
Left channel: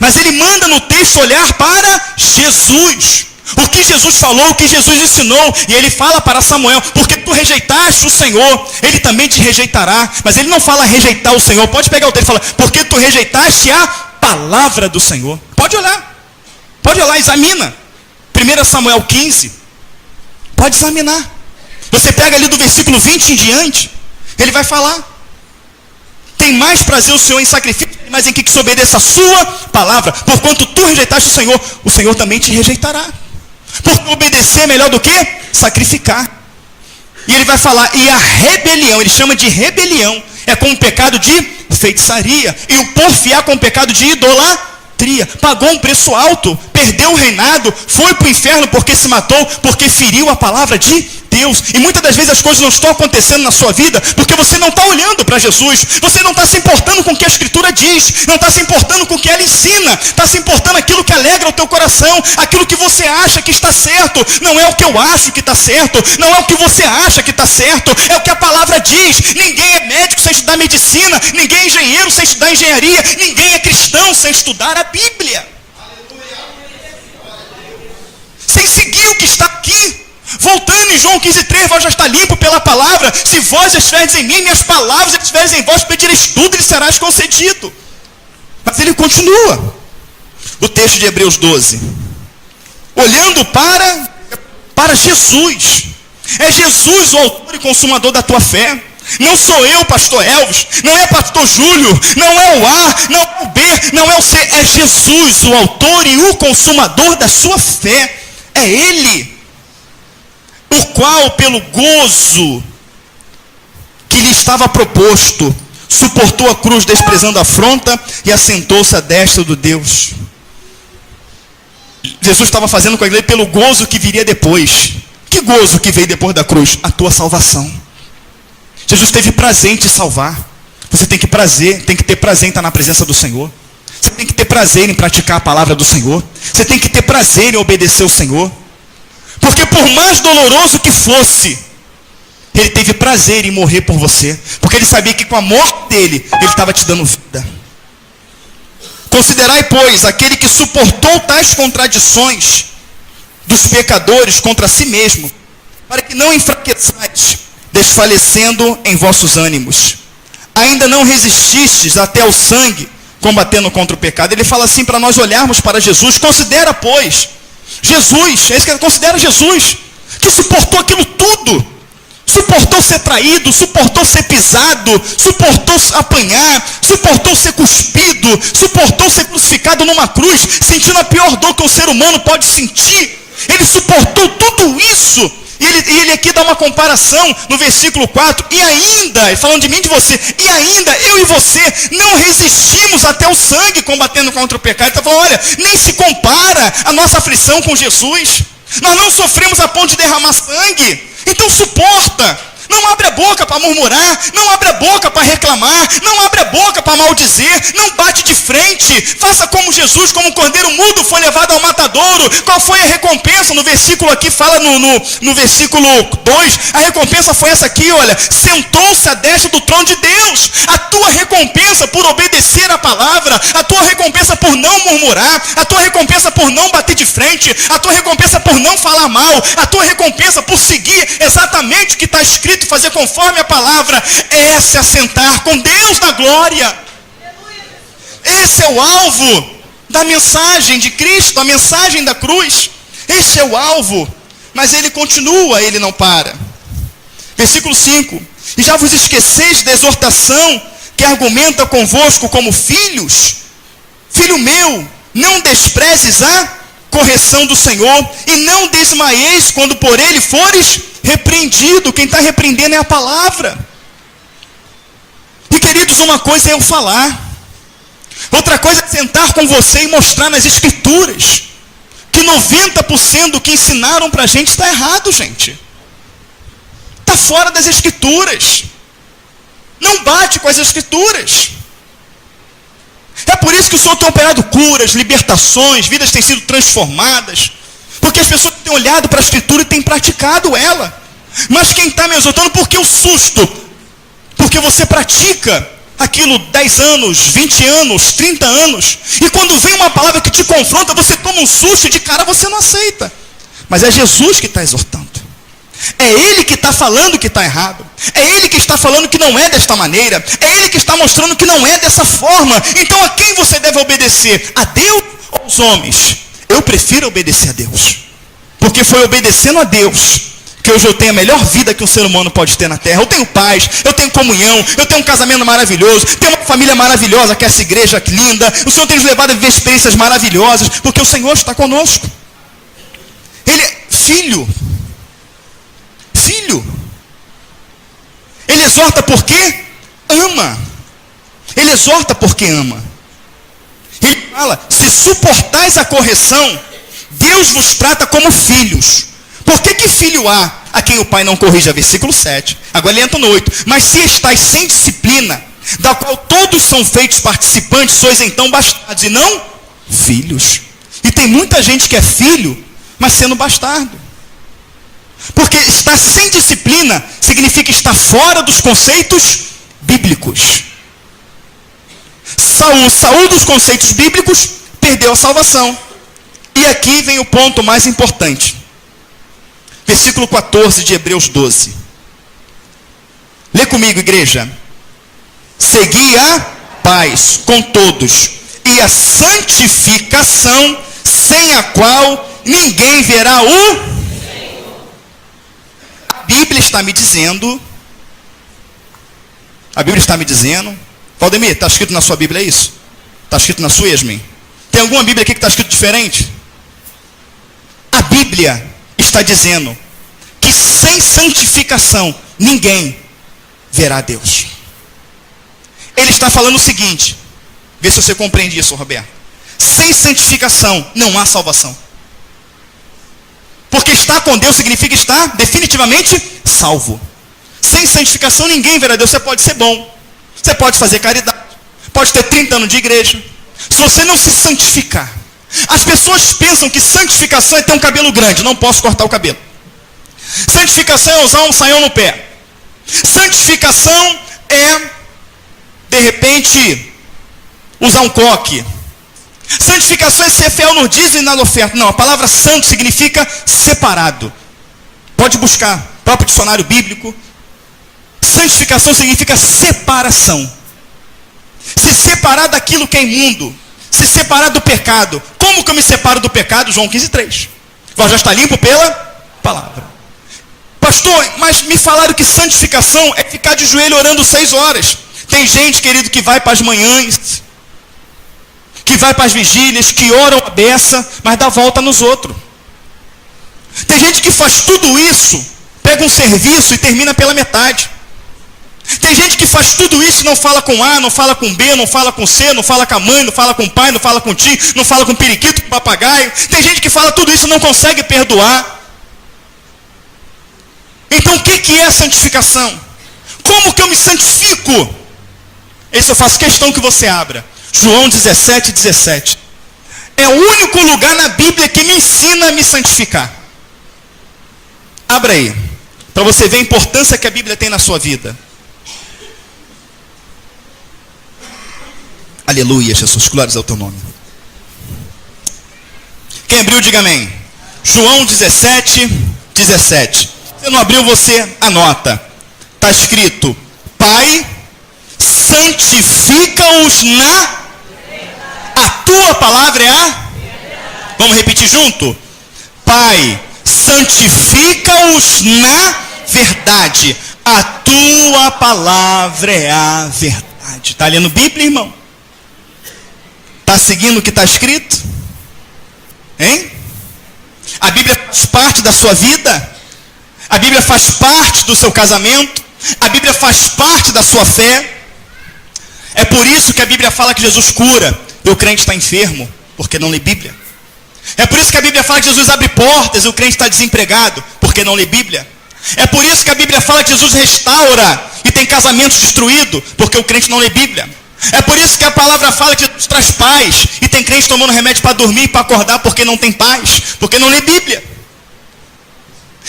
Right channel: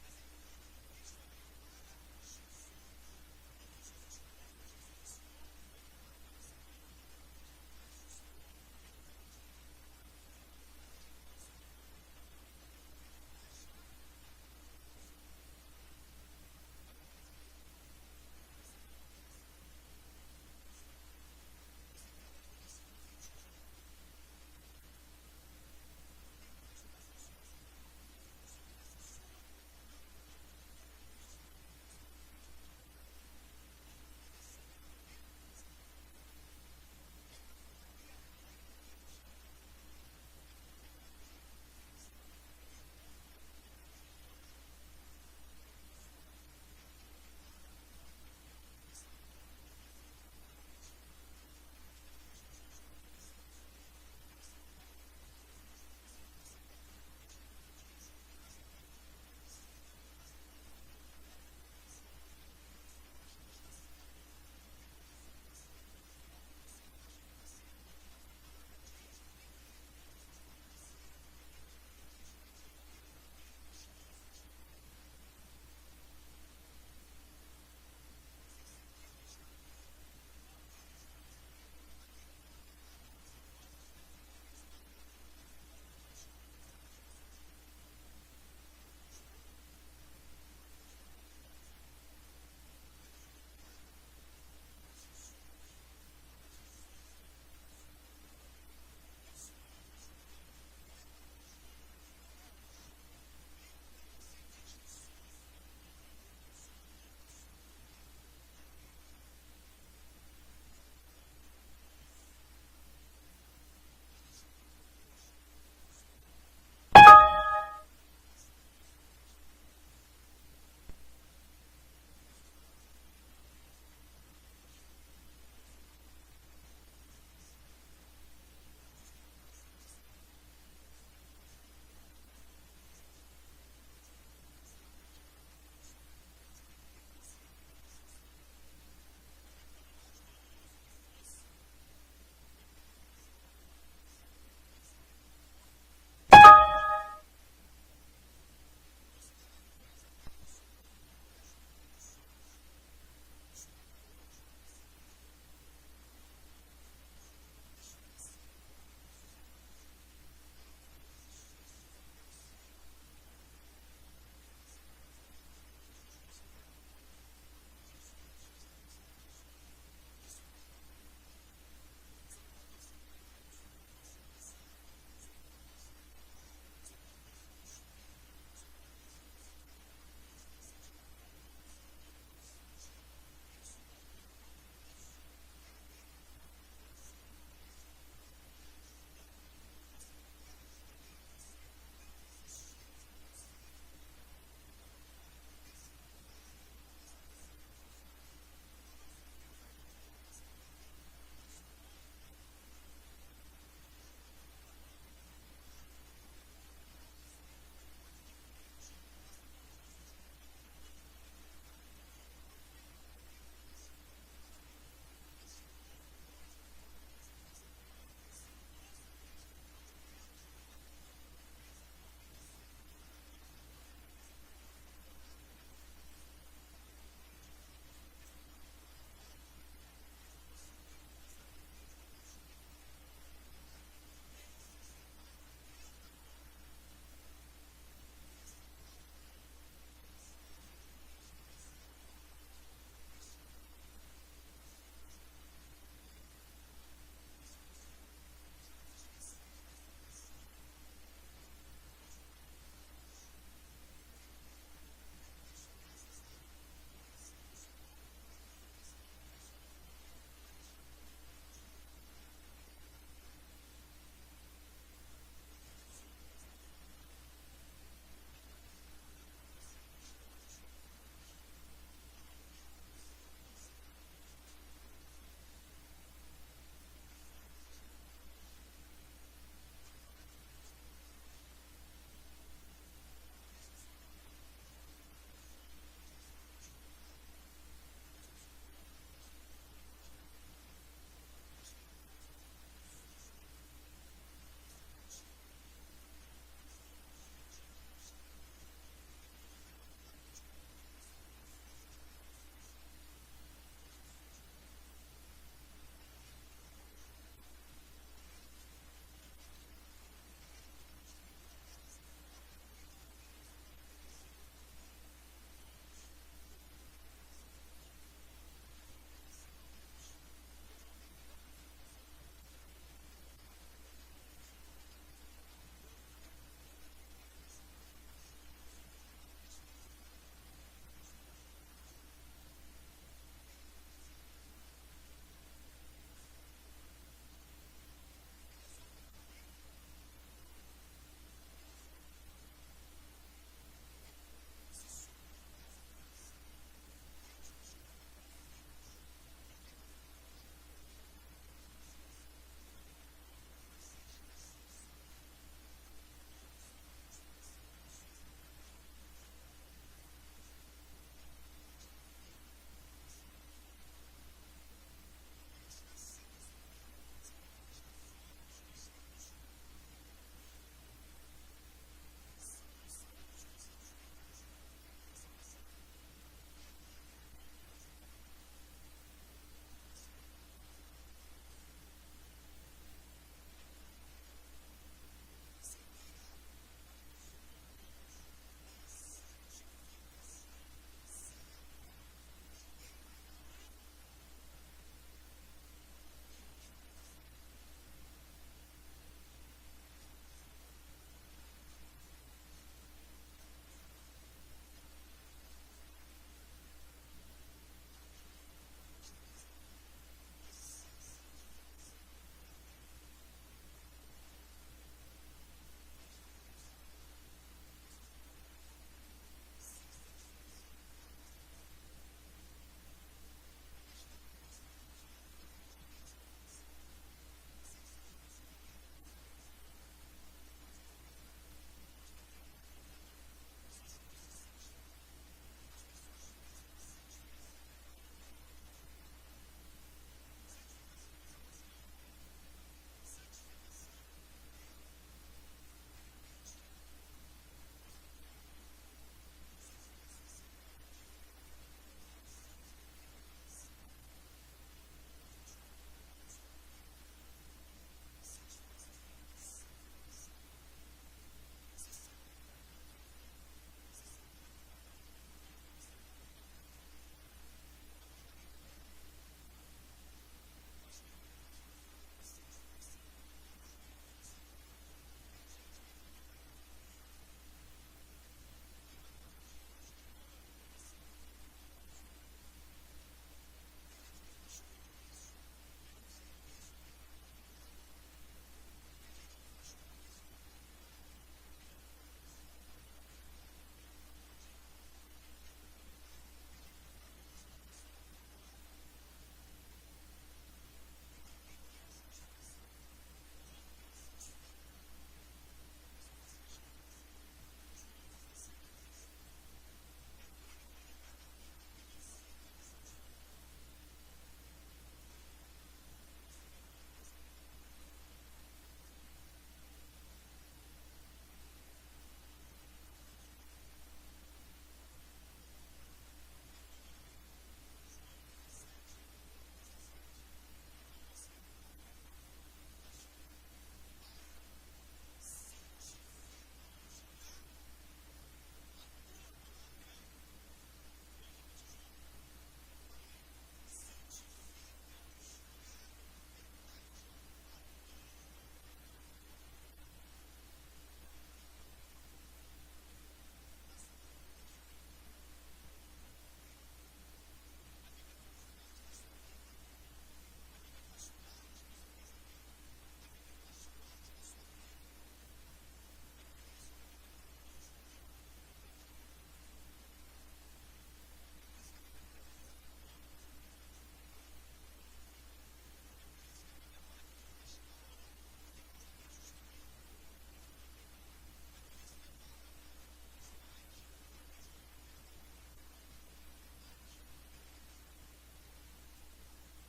Mas ele manda no texto olhar para Jesus. O que Jesus falou, o que Jesus ensinou. E ele fala para Samuel: porque tu rejeitaste o Senhor, ele também te rejeitará. Mas ele não fala rejeitar o Senhor. Pode pegar o texto e falar: porque tu rejeitaste a palavra do Senhor. Pode olhar, examina 1 Samuel 15. Pode examinar. Você pega ali do versículo 20 em diante, ele vai falar: tem mais prazer o Senhor em sacrifício, mas em que se obedeça a sua palavra. Porquanto tu rejeitaste o Senhor também te rejeitará. Porque obedecer é melhor do que sacrificar. E ele vai falar: e a rebelião, ele chama de rebelião, é como um pecado de feitiçaria. E o porfiar com o pecado de idolatria. Pagou um preço alto, perdeu o reinado, foi para o inferno porque se matou, porque feriu a palavra de Deus. E muitas das vezes as coisas não estão acontecendo na sua vida porque você não está olhando para Jesus. Você não está se importando com o que a Escritura diz, não está se importando com o que ela ensina, está se importando aquilo que alegra o teu coração, aquilo que você acha que está certo. Não é o que eu acho que está certo, não é o que você acha que está certo, é o que a palavra diz. Ninguém é médico sem estudar medicina, ninguém é engenheiro sem estudar engenharia, ninguém é cristão sem estudar a Bíblia, sem seguir o que está aqui. Voltando em João 15:3, vós já está limpo pela palavra. Se vós estiverdes em mim, minhas palavras estiverem em vós, pedireis tudo e lhe serás concedido. Mas ele continua. O texto de Hebreus 12. Olhando para Jesus. É Jesus o autor e consumador da tua fé. Não sou eu, pastor Elvis, não é pastor Júlio, não é o A, não é o B, não é o C. É Jesus o autor e o consumador da sua fé. É Ele. O qual, pelo gozo que lhe estava proposto, suportou a cruz, desprezando a afronta, e assentou-se à destra do Deus. Jesus estava fazendo com a igreja pelo gozo que viria depois. Que gozo que veio depois da cruz? A tua salvação. Jesus teve prazer em te salvar. Você tem que ter prazer em estar na presença do Senhor. Você tem que ter prazer em praticar a palavra do Senhor. Você tem que ter prazer em obedecer o Senhor. Porque por mais doloroso que fosse, ele teve prazer em morrer por você. Porque ele sabia que com a morte dele, ele estava te dando vida. Considerai, pois, aquele que suportou tais contradições dos pecadores contra si mesmo, para que não enfraqueçais, desfalecendo em vossos ânimos. Ainda não resististes até ao sangue, combatendo contra o pecado. Ele fala assim para nós olharmos para Jesus. Considera, pois, Jesus, é isso que ele considera Jesus, que suportou aquilo tudo. Suportou ser traído, suportou ser pisado, suportou apanhar, suportou ser cuspido, suportou ser crucificado numa cruz, sentindo a pior dor que um ser humano pode sentir. Ele suportou tudo isso. E ele aqui dá uma comparação no versículo 4. E ainda, falando de mim e de você, e ainda eu e você não resistimos até o sangue combatendo contra o pecado. Ele está falando: olha, nem se compara a nossa aflição com Jesus. Nós não sofremos a ponto de derramar sangue. Então suporta. Não abre a boca para murmurar, não abre a boca para reclamar, não abre a boca para maldizer, não bate de frente. Faça como Jesus, como um cordeiro mudo foi levado ao matadouro. Qual foi a recompensa? No versículo aqui fala, no versículo 2, a recompensa foi essa aqui, olha: sentou-se à destra do trono de Deus. A tua recompensa por obedecer a palavra, a tua recompensa por não murmurar, a tua recompensa por não bater de frente, a tua recompensa por não falar mal, a tua recompensa por seguir exatamente o que está escrito, fazer conforme a palavra, é se assentar com Deus na glória. Esse é o alvo da mensagem de Cristo, a mensagem da cruz. Esse é o alvo. Mas ele continua, ele não para. Versículo 5: e já vos esqueceis da exortação que argumenta convosco como filhos? Filho meu, não desprezes a correção do Senhor, e não desmaieis quando por ele fores repreendido. Quem está repreendendo é a palavra. E queridos, uma coisa é eu falar. Outra coisa é sentar com você e mostrar nas escrituras que 90% do que ensinaram para a gente está errado, gente. Está fora das escrituras. Não bate com as escrituras. É por isso que o Senhor tem operado curas, libertações, vidas têm sido transformadas. Porque as pessoas têm olhado para a escritura e têm praticado ela. Mas quem está me exortando, por que o susto? Porque você pratica aquilo 10 anos, 20 anos, 30 anos. E quando vem uma palavra que te confronta, você toma um susto e de cara você não aceita. Mas é Jesus que está exortando. É Ele que está falando que está errado. É Ele que está falando que não é desta maneira. É Ele que está mostrando que não é dessa forma. Então a quem você deve obedecer? A Deus ou aos homens? Eu prefiro obedecer a Deus. Porque foi obedecendo a Deus que hoje eu tenho a melhor vida que um ser humano pode ter na terra. Eu tenho paz, eu tenho comunhão, eu tenho um casamento maravilhoso, tenho uma família maravilhosa, que é essa igreja linda. O Senhor tem nos levado a viver experiências maravilhosas, porque o Senhor está conosco. Ele é filho. Filho. Ele exorta porque ama. Ele exorta porque ama. Ele fala, se suportais a correção, Deus vos trata como filhos. Por que filho há a quem o pai não corrija? Versículo 7. Agora ele entra no 8. Mas se estáis sem disciplina, da qual todos são feitos participantes, sois então bastardos e não filhos. E tem muita gente que é filho, mas sendo bastardo. Porque estar sem disciplina significa estar fora dos conceitos bíblicos. Saul dos conceitos bíblicos, perdeu a salvação. E aqui vem o ponto mais importante. Versículo 14 de Hebreus 12. Lê comigo, igreja. Segui a paz com todos e a santificação, sem a qual ninguém verá o... A Bíblia está me dizendo, Valdemir, está escrito na sua Bíblia, é isso? Está escrito na sua, Yasmin? Tem alguma Bíblia aqui que está escrito diferente? A Bíblia está dizendo que sem santificação ninguém verá Deus. Ele está falando o seguinte, vê se você compreende isso, Roberto. Sem santificação não há salvação. Porque estar com Deus significa estar definitivamente salvo. Sem santificação ninguém verá Deus. Você pode ser bom, você pode fazer caridade, pode ter 30 anos de igreja. Se você não se santificar, as pessoas pensam que santificação é ter um cabelo grande. Não posso cortar o cabelo. Santificação é usar um saião no pé. Santificação é, de repente, usar um coque. Santificação é ser fiel no dízimo e na oferta. Não, a palavra santo significa separado. Pode buscar, próprio dicionário bíblico. Santificação significa separação. Se separar daquilo que é imundo. Se separar do pecado. Como que eu me separo do pecado? João 15:3. Vós já está limpo pela palavra. Pastor, mas me falaram que santificação é ficar de joelho orando 6 horas. Tem gente, querido, que vai para as manhãs, que vai para as vigílias, que oram a beça, mas dá volta nos outros. Tem gente que faz tudo isso, pega um serviço e termina pela metade. Tem gente que faz tudo isso e não fala com A, não fala com B, não fala com C, não fala com a mãe, não fala com o pai, não fala com o tio, não fala com o periquito, com o papagaio. Tem gente que fala tudo isso e não consegue perdoar. Então o que é a santificação? Como que eu me santifico? Esse eu faço questão que você abra. João 17:17. É o único lugar na Bíblia que me ensina a me santificar. Abra aí, para você ver a importância que a Bíblia tem na sua vida. Aleluia, Jesus, glórias ao teu nome. Quem abriu, diga amém. João 17:17. Se não abriu, você anota. Está escrito: Pai, santifica-os na... A tua palavra é a... Vamos repetir junto? Pai, santifica-os na verdade. A tua palavra é a verdade. Está lendo Bíblia, irmão? Está seguindo o que está escrito? Hein? A Bíblia faz parte da sua vida? A Bíblia faz parte do seu casamento. A Bíblia faz parte da sua fé. É por isso que a Bíblia fala que Jesus cura e o crente está enfermo, porque não lê Bíblia. É por isso que a Bíblia fala que Jesus abre portas e o crente está desempregado, porque não lê Bíblia. É por isso que a Bíblia fala que Jesus restaura e tem casamentos destruídos, porque o crente não lê Bíblia. É por isso que a palavra fala que Jesus traz paz e tem crente tomando remédio para dormir e para acordar porque não tem paz, porque não lê Bíblia.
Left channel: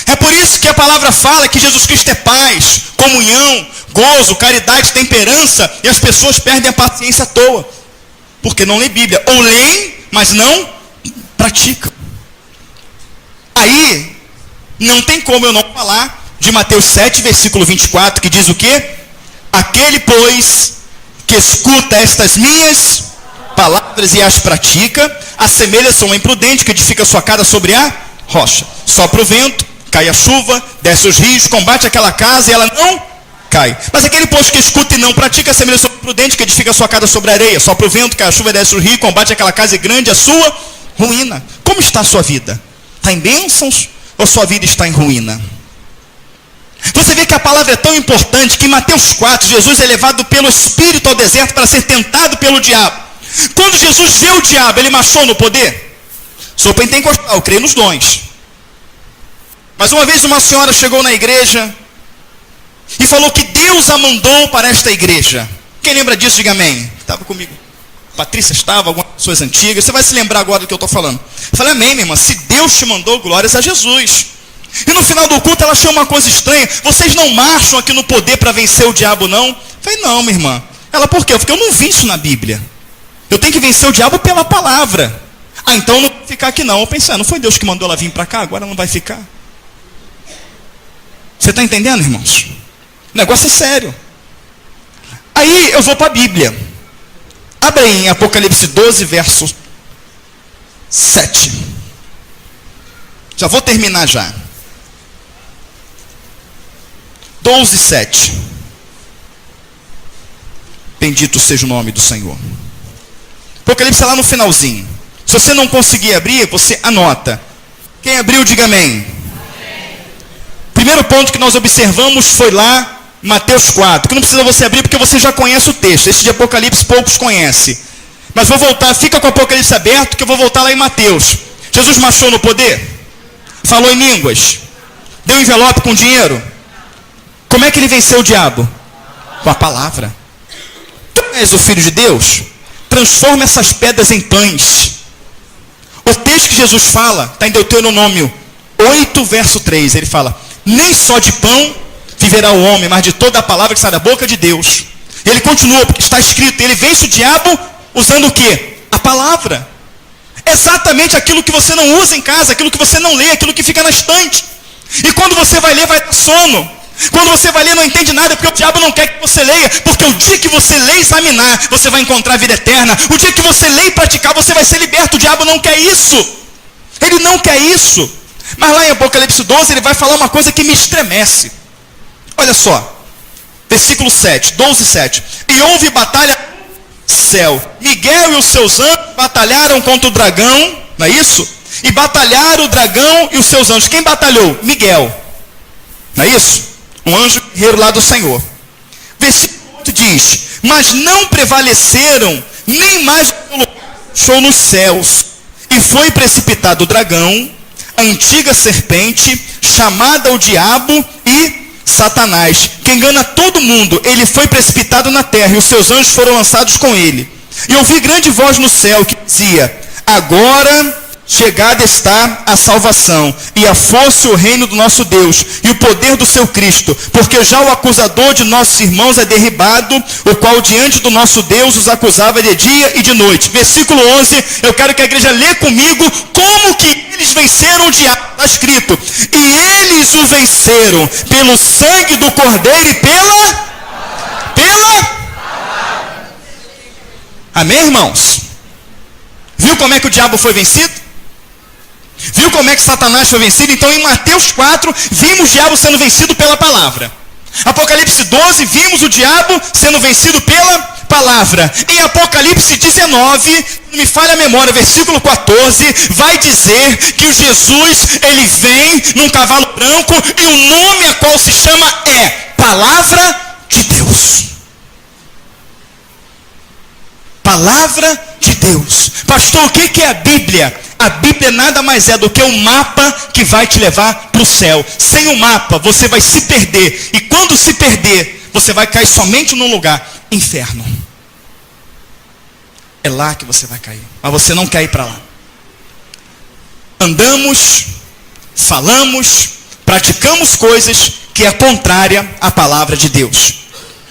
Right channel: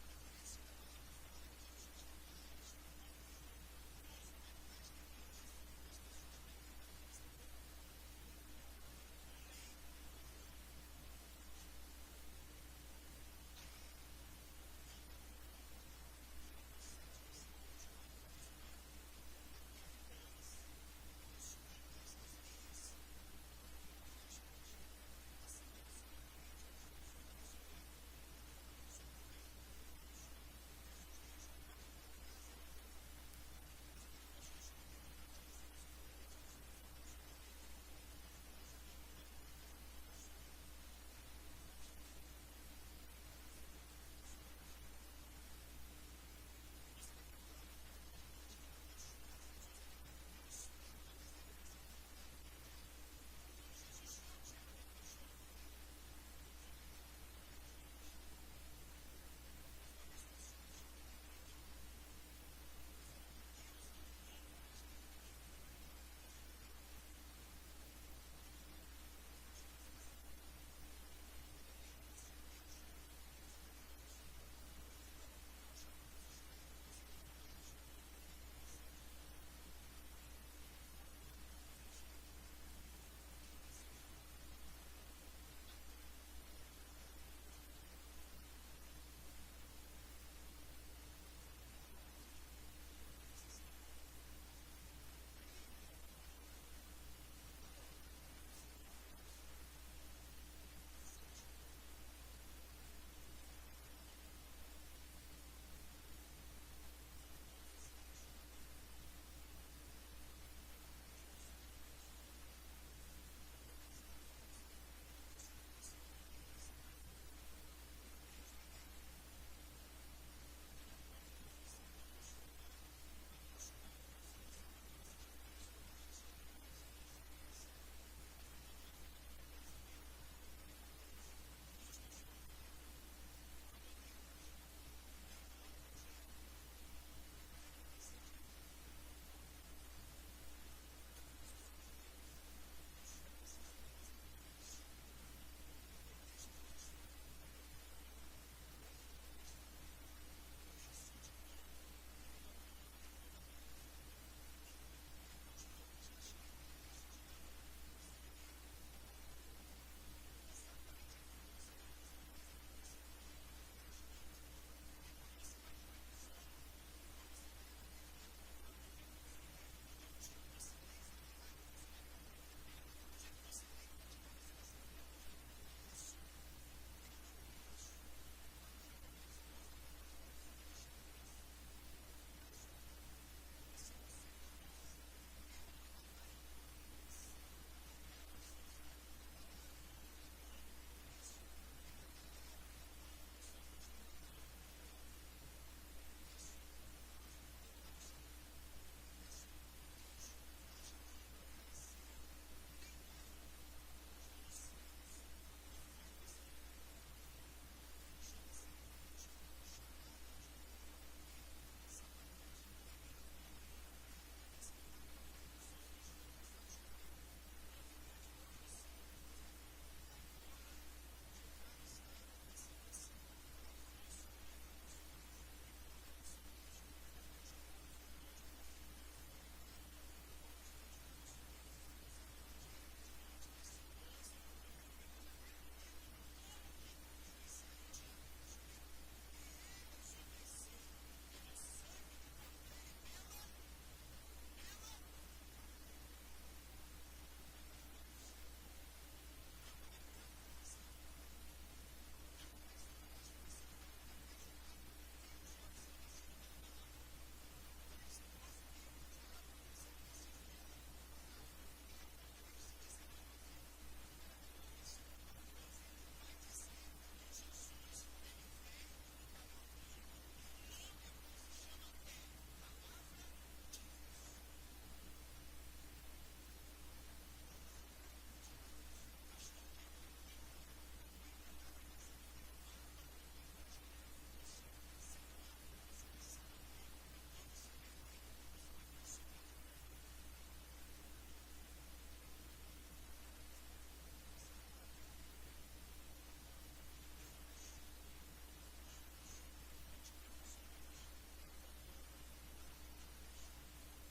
É por isso que a palavra fala que Jesus Cristo é paz, comunhão, gozo, caridade, temperança, e as pessoas perdem a paciência à toa, porque não lê Bíblia. Ou leem, mas não praticam. Aí, não tem como eu não falar de Mateus 7, versículo 24, que diz o quê? Aquele, pois, que escuta estas minhas palavras e as pratica, assemelha-se a um imprudente que edifica sua casa sobre a rocha. Sopra o vento, cai a chuva, desce os rios, combate aquela casa e ela não cai. Mas aquele, pois, que escuta e não pratica, assemelha-se a um imprudente que edifica sua casa sobre a areia. Sopra o vento, cai a chuva, desce os rios, combate aquela casa e grande a sua ruína. Como está a sua vida? Está em bênçãos ou sua vida está em ruína? Você vê que a palavra é tão importante que em Mateus 4, Jesus é levado pelo Espírito ao deserto para ser tentado pelo diabo. Quando Jesus vê o diabo, ele marchou no poder? Sou pentecostal, eu creio nos dons. Mas uma vez uma senhora chegou na igreja e falou que Deus a mandou para esta igreja. Quem lembra disso, diga amém. Estava comigo. Patrícia estava, algumas pessoas antigas. Você vai se lembrar agora do que eu estou falando. Eu falei, amém, minha irmã. Se Deus te mandou, glórias a Jesus. E no final do culto ela achou uma coisa estranha. Vocês não marcham aqui no poder para vencer o diabo, não? Eu falei, não, minha irmã. Ela, por quê? Porque eu não vi isso na Bíblia. Eu tenho que vencer o diabo pela palavra. Ah, então eu não vou ficar aqui não. Eu pensei, não foi Deus que mandou ela vir para cá? Agora não vai ficar. Você está entendendo, irmãos? O negócio é sério. Aí eu vou para a Bíblia. Abre aí em Apocalipse 12, verso 7. Já vou terminar já. 12, 7. Bendito seja o nome do Senhor. Apocalipse é lá no finalzinho. Se você não conseguir abrir, você anota. Quem abriu, diga amém. Primeiro ponto que nós observamos foi lá, Mateus 4, que não precisa você abrir porque você já conhece o texto. Esse de Apocalipse poucos conhecem. Mas vou voltar, fica com o Apocalipse aberto que eu vou voltar lá em Mateus. Jesus marchou no poder? Falou em línguas? Deu envelope com dinheiro? Como é que ele venceu o diabo? Com a palavra. Tu és o Filho de Deus? Transforma essas pedras em pães. O texto que Jesus fala está em Deuteronômio 8, verso 3. Ele fala, nem só de pão viverá o homem, mas de toda a palavra que sai da boca de Deus. Ele continua, porque está escrito, ele vence o diabo usando o quê? A palavra. Exatamente aquilo que você não usa em casa, aquilo que você não lê, aquilo que fica na estante. E quando você vai ler, vai dar sono. Quando você vai ler, não entende nada, porque o diabo não quer que você leia. Porque o dia que você lê e examinar, você vai encontrar a vida eterna. O dia que você lê e praticar, você vai ser liberto. O diabo não quer isso. Ele não quer isso. Mas lá em Apocalipse 12, ele vai falar uma coisa que me estremece. Olha só. Versículo 7, 12, 7. E houve batalha no céu. Miguel e os seus anjos batalharam contra o dragão. Não é isso? E batalharam o dragão e os seus anjos. Quem batalhou? Miguel. Não é isso? Um anjo guerreiro lá do Senhor. Versículo 8 diz, mas não prevaleceram, nem mais deixou nos céus. E foi precipitado o dragão, a antiga serpente, chamada o diabo e Satanás, que engana todo mundo. Ele foi precipitado na terra, e os seus anjos foram lançados com ele. E ouvi grande voz no céu, que dizia, agora chegada está a salvação, e a força e o reino do nosso Deus, e o poder do seu Cristo, porque já o acusador de nossos irmãos é derribado, o qual diante do nosso Deus os acusava de dia e de noite. Versículo 11, eu quero que a igreja lê comigo, como que eles venceram o diabo, está escrito, e eles o venceram, pelo sangue do Cordeiro e pela... Amém, irmãos? Viu como é que o diabo foi vencido? Viu como é que Satanás foi vencido? Então em Mateus 4, vimos o diabo sendo vencido pela palavra. Apocalipse 12, vimos o diabo sendo vencido pela palavra. Em Apocalipse 19, não me falha a memória, versículo 14, vai dizer que o Jesus, ele vem num cavalo branco e o nome a qual se chama é Palavra de Deus. Palavra de Deus. Pastor, o que é a Bíblia? A Bíblia nada mais é do que um mapa que vai te levar para o céu. Sem o mapa, você vai se perder. E quando se perder, você vai cair somente num lugar: inferno. É lá que você vai cair. Mas você não quer ir para lá. Andamos, falamos, praticamos coisas que é contrária à palavra de Deus.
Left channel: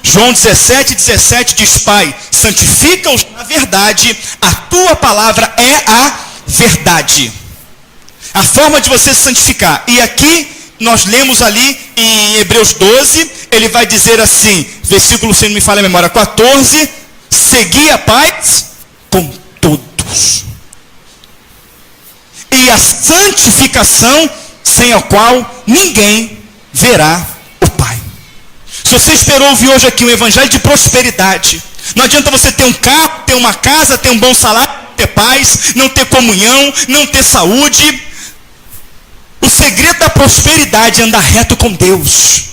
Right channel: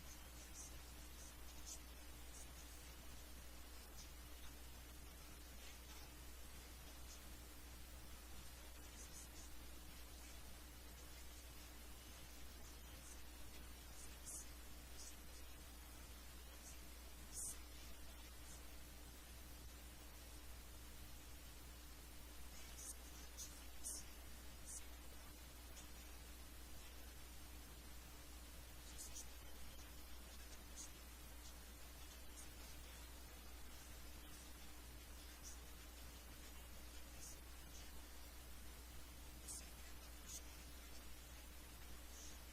João 17:17 diz: Pai, santifica-os na verdade, a tua palavra é a verdade. A forma de você se santificar. E aqui nós lemos ali em Hebreus 12, ele vai dizer assim, versículo, se não me falha a memória, 14: segui a paz com todos, e a santificação, sem a qual ninguém verá o Pai. Se você esperou ouvir hoje aqui um evangelho de prosperidade, não adianta você ter um carro, ter uma casa, ter um bom salário, ter paz, não ter comunhão, não ter saúde. O segredo da prosperidade é andar reto com Deus.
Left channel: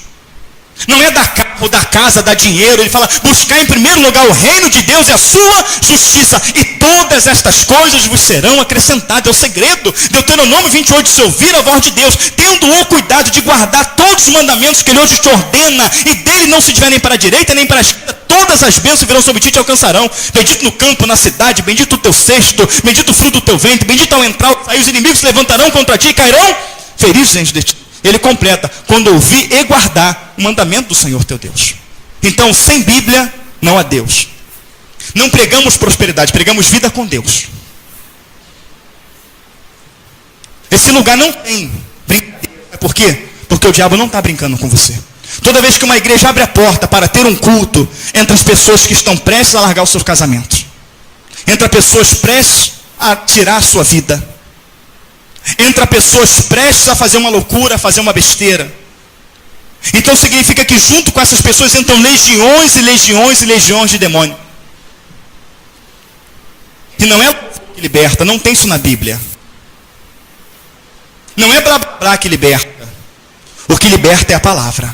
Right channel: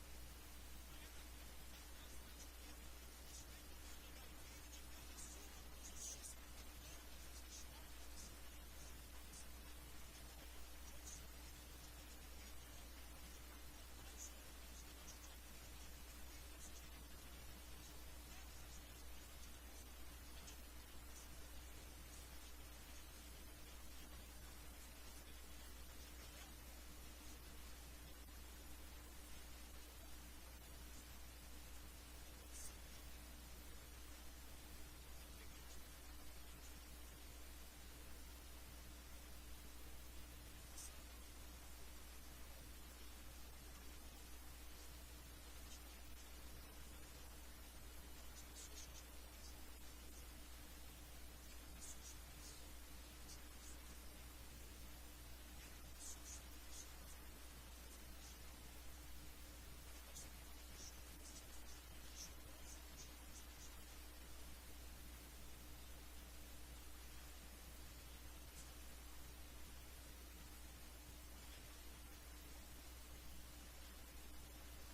Não é dar carro, dar casa, dar dinheiro. Ele fala: buscar em primeiro lugar o reino de Deus e a sua justiça, e todas estas coisas vos serão acrescentadas. É o segredo. Deuteronômio 28, se ouvir a voz de Deus, tendo o cuidado de guardar todos os mandamentos que ele hoje te ordena, e dele não se tiver nem para a direita nem para a esquerda, todas as bênçãos virão sobre ti e te alcançarão. Bendito no campo, na cidade, bendito o teu cesto, bendito o fruto do teu ventre, bendito ao entrar ou sair, os inimigos se levantarão contra ti e cairão feridos diante de ti. Ele completa: quando ouvir e guardar o mandamento do Senhor teu Deus. Então, sem Bíblia, não há Deus. Não pregamos prosperidade, pregamos vida com Deus. Esse lugar não tem brincadeira. Por quê? Porque o diabo não está brincando com você. Toda vez que uma igreja abre a porta para ter um culto, entre as pessoas que estão prestes a largar os seus casamentos, entre pessoas prestes a tirar a sua vida, entra pessoas prestes a fazer uma loucura, a fazer uma besteira. Então significa que junto com essas pessoas entram legiões e legiões e legiões de demônio. E não é o que liberta, não tem isso na Bíblia. Não é blá blá blá que liberta. O que liberta é a palavra.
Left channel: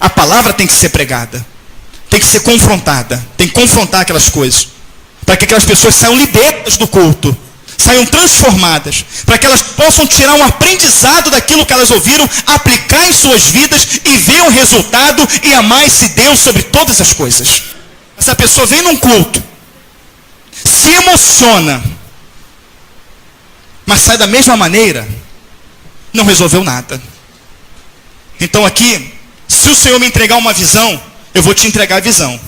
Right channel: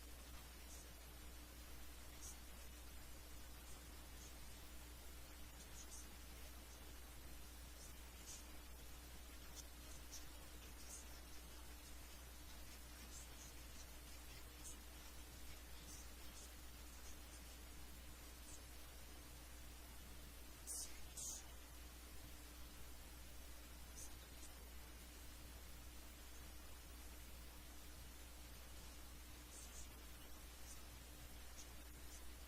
A palavra tem que ser pregada, tem que ser confrontada, tem que confrontar aquelas coisas, para que aquelas pessoas saiam libertas do culto, saiam transformadas, para que elas possam tirar um aprendizado daquilo que elas ouviram, aplicar em suas vidas e ver o resultado e amar esse Deus sobre todas as coisas. Essa pessoa vem num culto, se emociona, mas sai da mesma maneira, não resolveu nada. Então aqui, se o Senhor me entregar uma visão, eu vou te entregar a visão,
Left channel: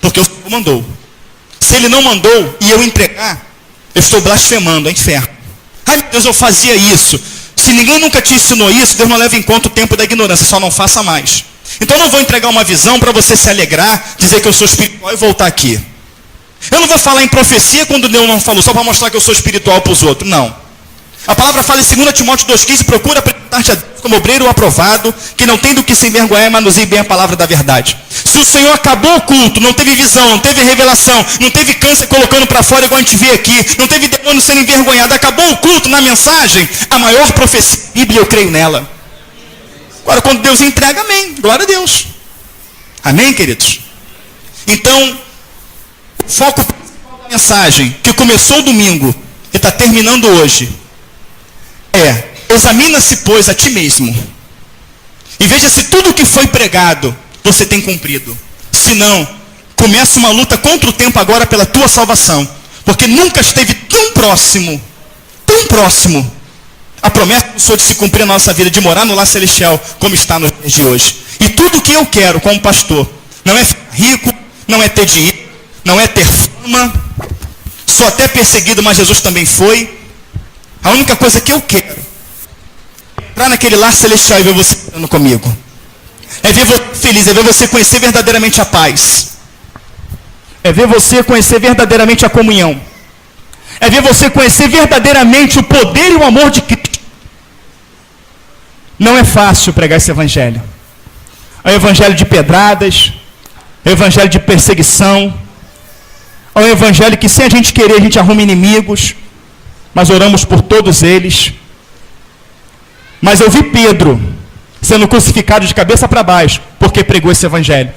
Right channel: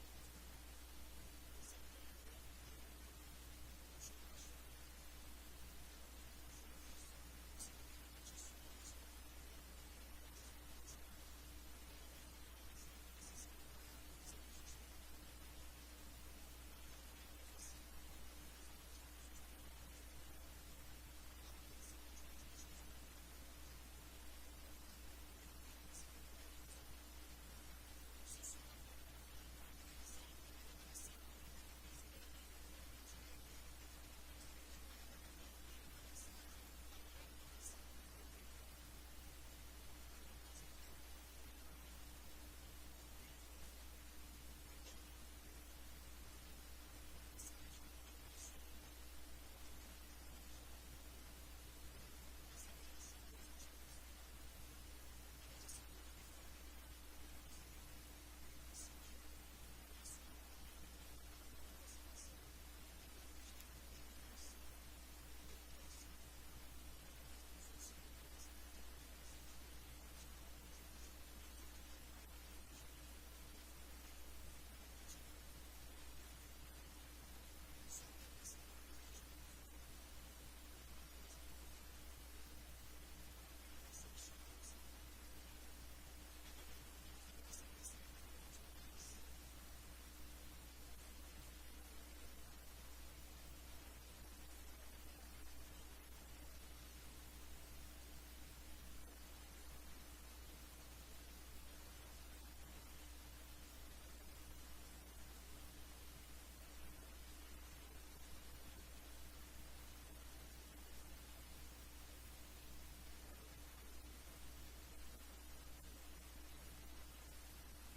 porque o Senhor mandou. Se Ele não mandou e eu entregar, eu estou blasfemando, é inferno. Ai meu Deus, eu fazia isso. Se ninguém nunca te ensinou isso, Deus não leva em conta o tempo da ignorância, só não faça mais. Então eu não vou entregar uma visão para você se alegrar, dizer que eu sou espiritual e voltar aqui. Eu não vou falar em profecia quando Deus não falou, só para mostrar que eu sou espiritual para os outros, não. A palavra fala em 2 Timóteo 2,15, procura apresentar-te a Deus como obreiro aprovado, que não tem do que se envergonhar e manuseie bem a palavra da verdade. Se o Senhor acabou o culto, não teve visão, não teve revelação, não teve câncer colocando para fora igual a gente vê aqui, não teve demônio sendo envergonhado, acabou o culto na mensagem, a maior profecia da Bíblia, eu creio nela. Agora, quando Deus entrega, amém, glória a Deus. Amém, queridos? Então, o foco principal da mensagem, que começou domingo e está terminando hoje, examina-se, pois, a ti mesmo, e veja se tudo o que foi pregado, você tem cumprido. Se não, começa uma luta contra o tempo agora pela tua salvação, porque nunca esteve tão próximo, a promessa do Senhor de se cumprir na nossa vida, de morar no lar celestial, como está nos dias de hoje. E tudo o que eu quero como pastor, não é ficar rico, não é ter dinheiro, não é ter fama, sou até perseguido, mas Jesus também foi. A única coisa que eu quero é entrar naquele lar celestial e ver você falando comigo. É ver você feliz, é ver você conhecer verdadeiramente a paz. É ver você conhecer verdadeiramente a comunhão. É ver você conhecer verdadeiramente o poder e o amor de Cristo. Não é fácil pregar esse evangelho. É um evangelho de pedradas, É um evangelho de perseguição. É um evangelho que, sem a gente querer, a gente arruma inimigos, mas oramos por todos eles. Mas eu vi Pedro sendo crucificado de cabeça para baixo, porque pregou esse evangelho.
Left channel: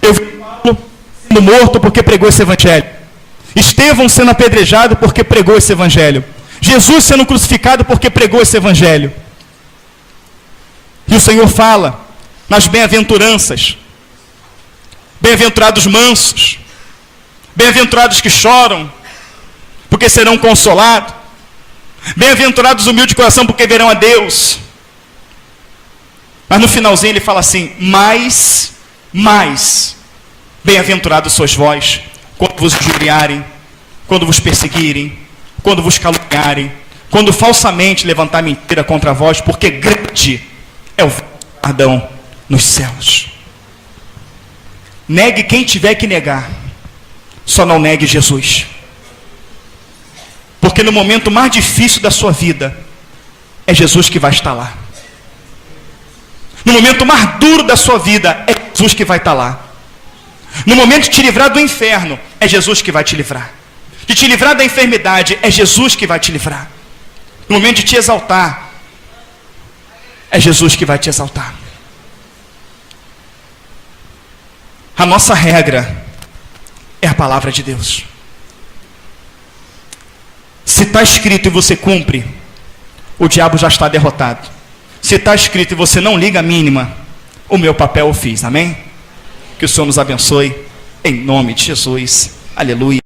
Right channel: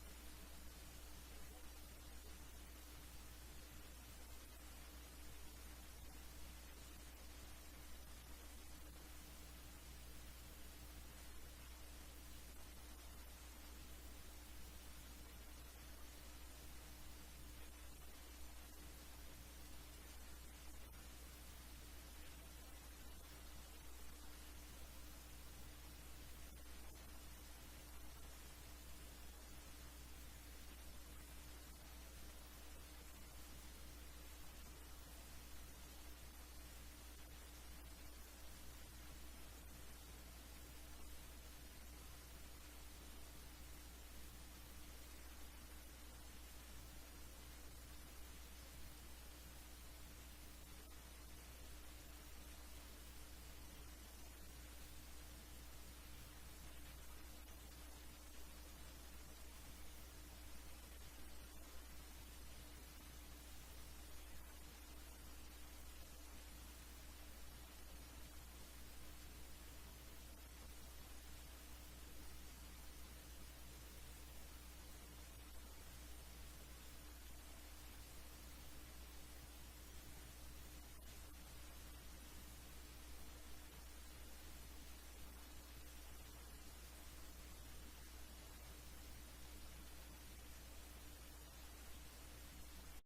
Eu vi Paulo sendo morto porque pregou esse evangelho. Estevão sendo apedrejado porque pregou esse evangelho. Jesus sendo crucificado porque pregou esse evangelho. E o Senhor fala nas bem-aventuranças: bem-aventurados mansos, bem-aventurados que choram, porque serão consolados, bem-aventurados humildes de coração, porque verão a Deus. Mas no finalzinho ele fala assim: mais, bem-aventurados sois vós, quando vos injuriarem, quando vos perseguirem, quando vos caluniarem, quando falsamente levantar mentira contra vós, porque grande é o perdão nos céus. Negue quem tiver que negar, só não negue Jesus. Porque no momento mais difícil da sua vida, é Jesus que vai estar lá. No momento mais duro da sua vida, é Jesus que vai estar lá. No momento de te livrar do inferno, é Jesus que vai te livrar. De te livrar da enfermidade, é Jesus que vai te livrar. No momento de te exaltar, é Jesus que vai te exaltar. A nossa regra é a palavra de Deus. Se está escrito e você cumpre, o diabo já está derrotado. Se está escrito e você não liga a mínima, o meu papel eu fiz, amém? Que o Senhor nos abençoe, em nome de Jesus, aleluia.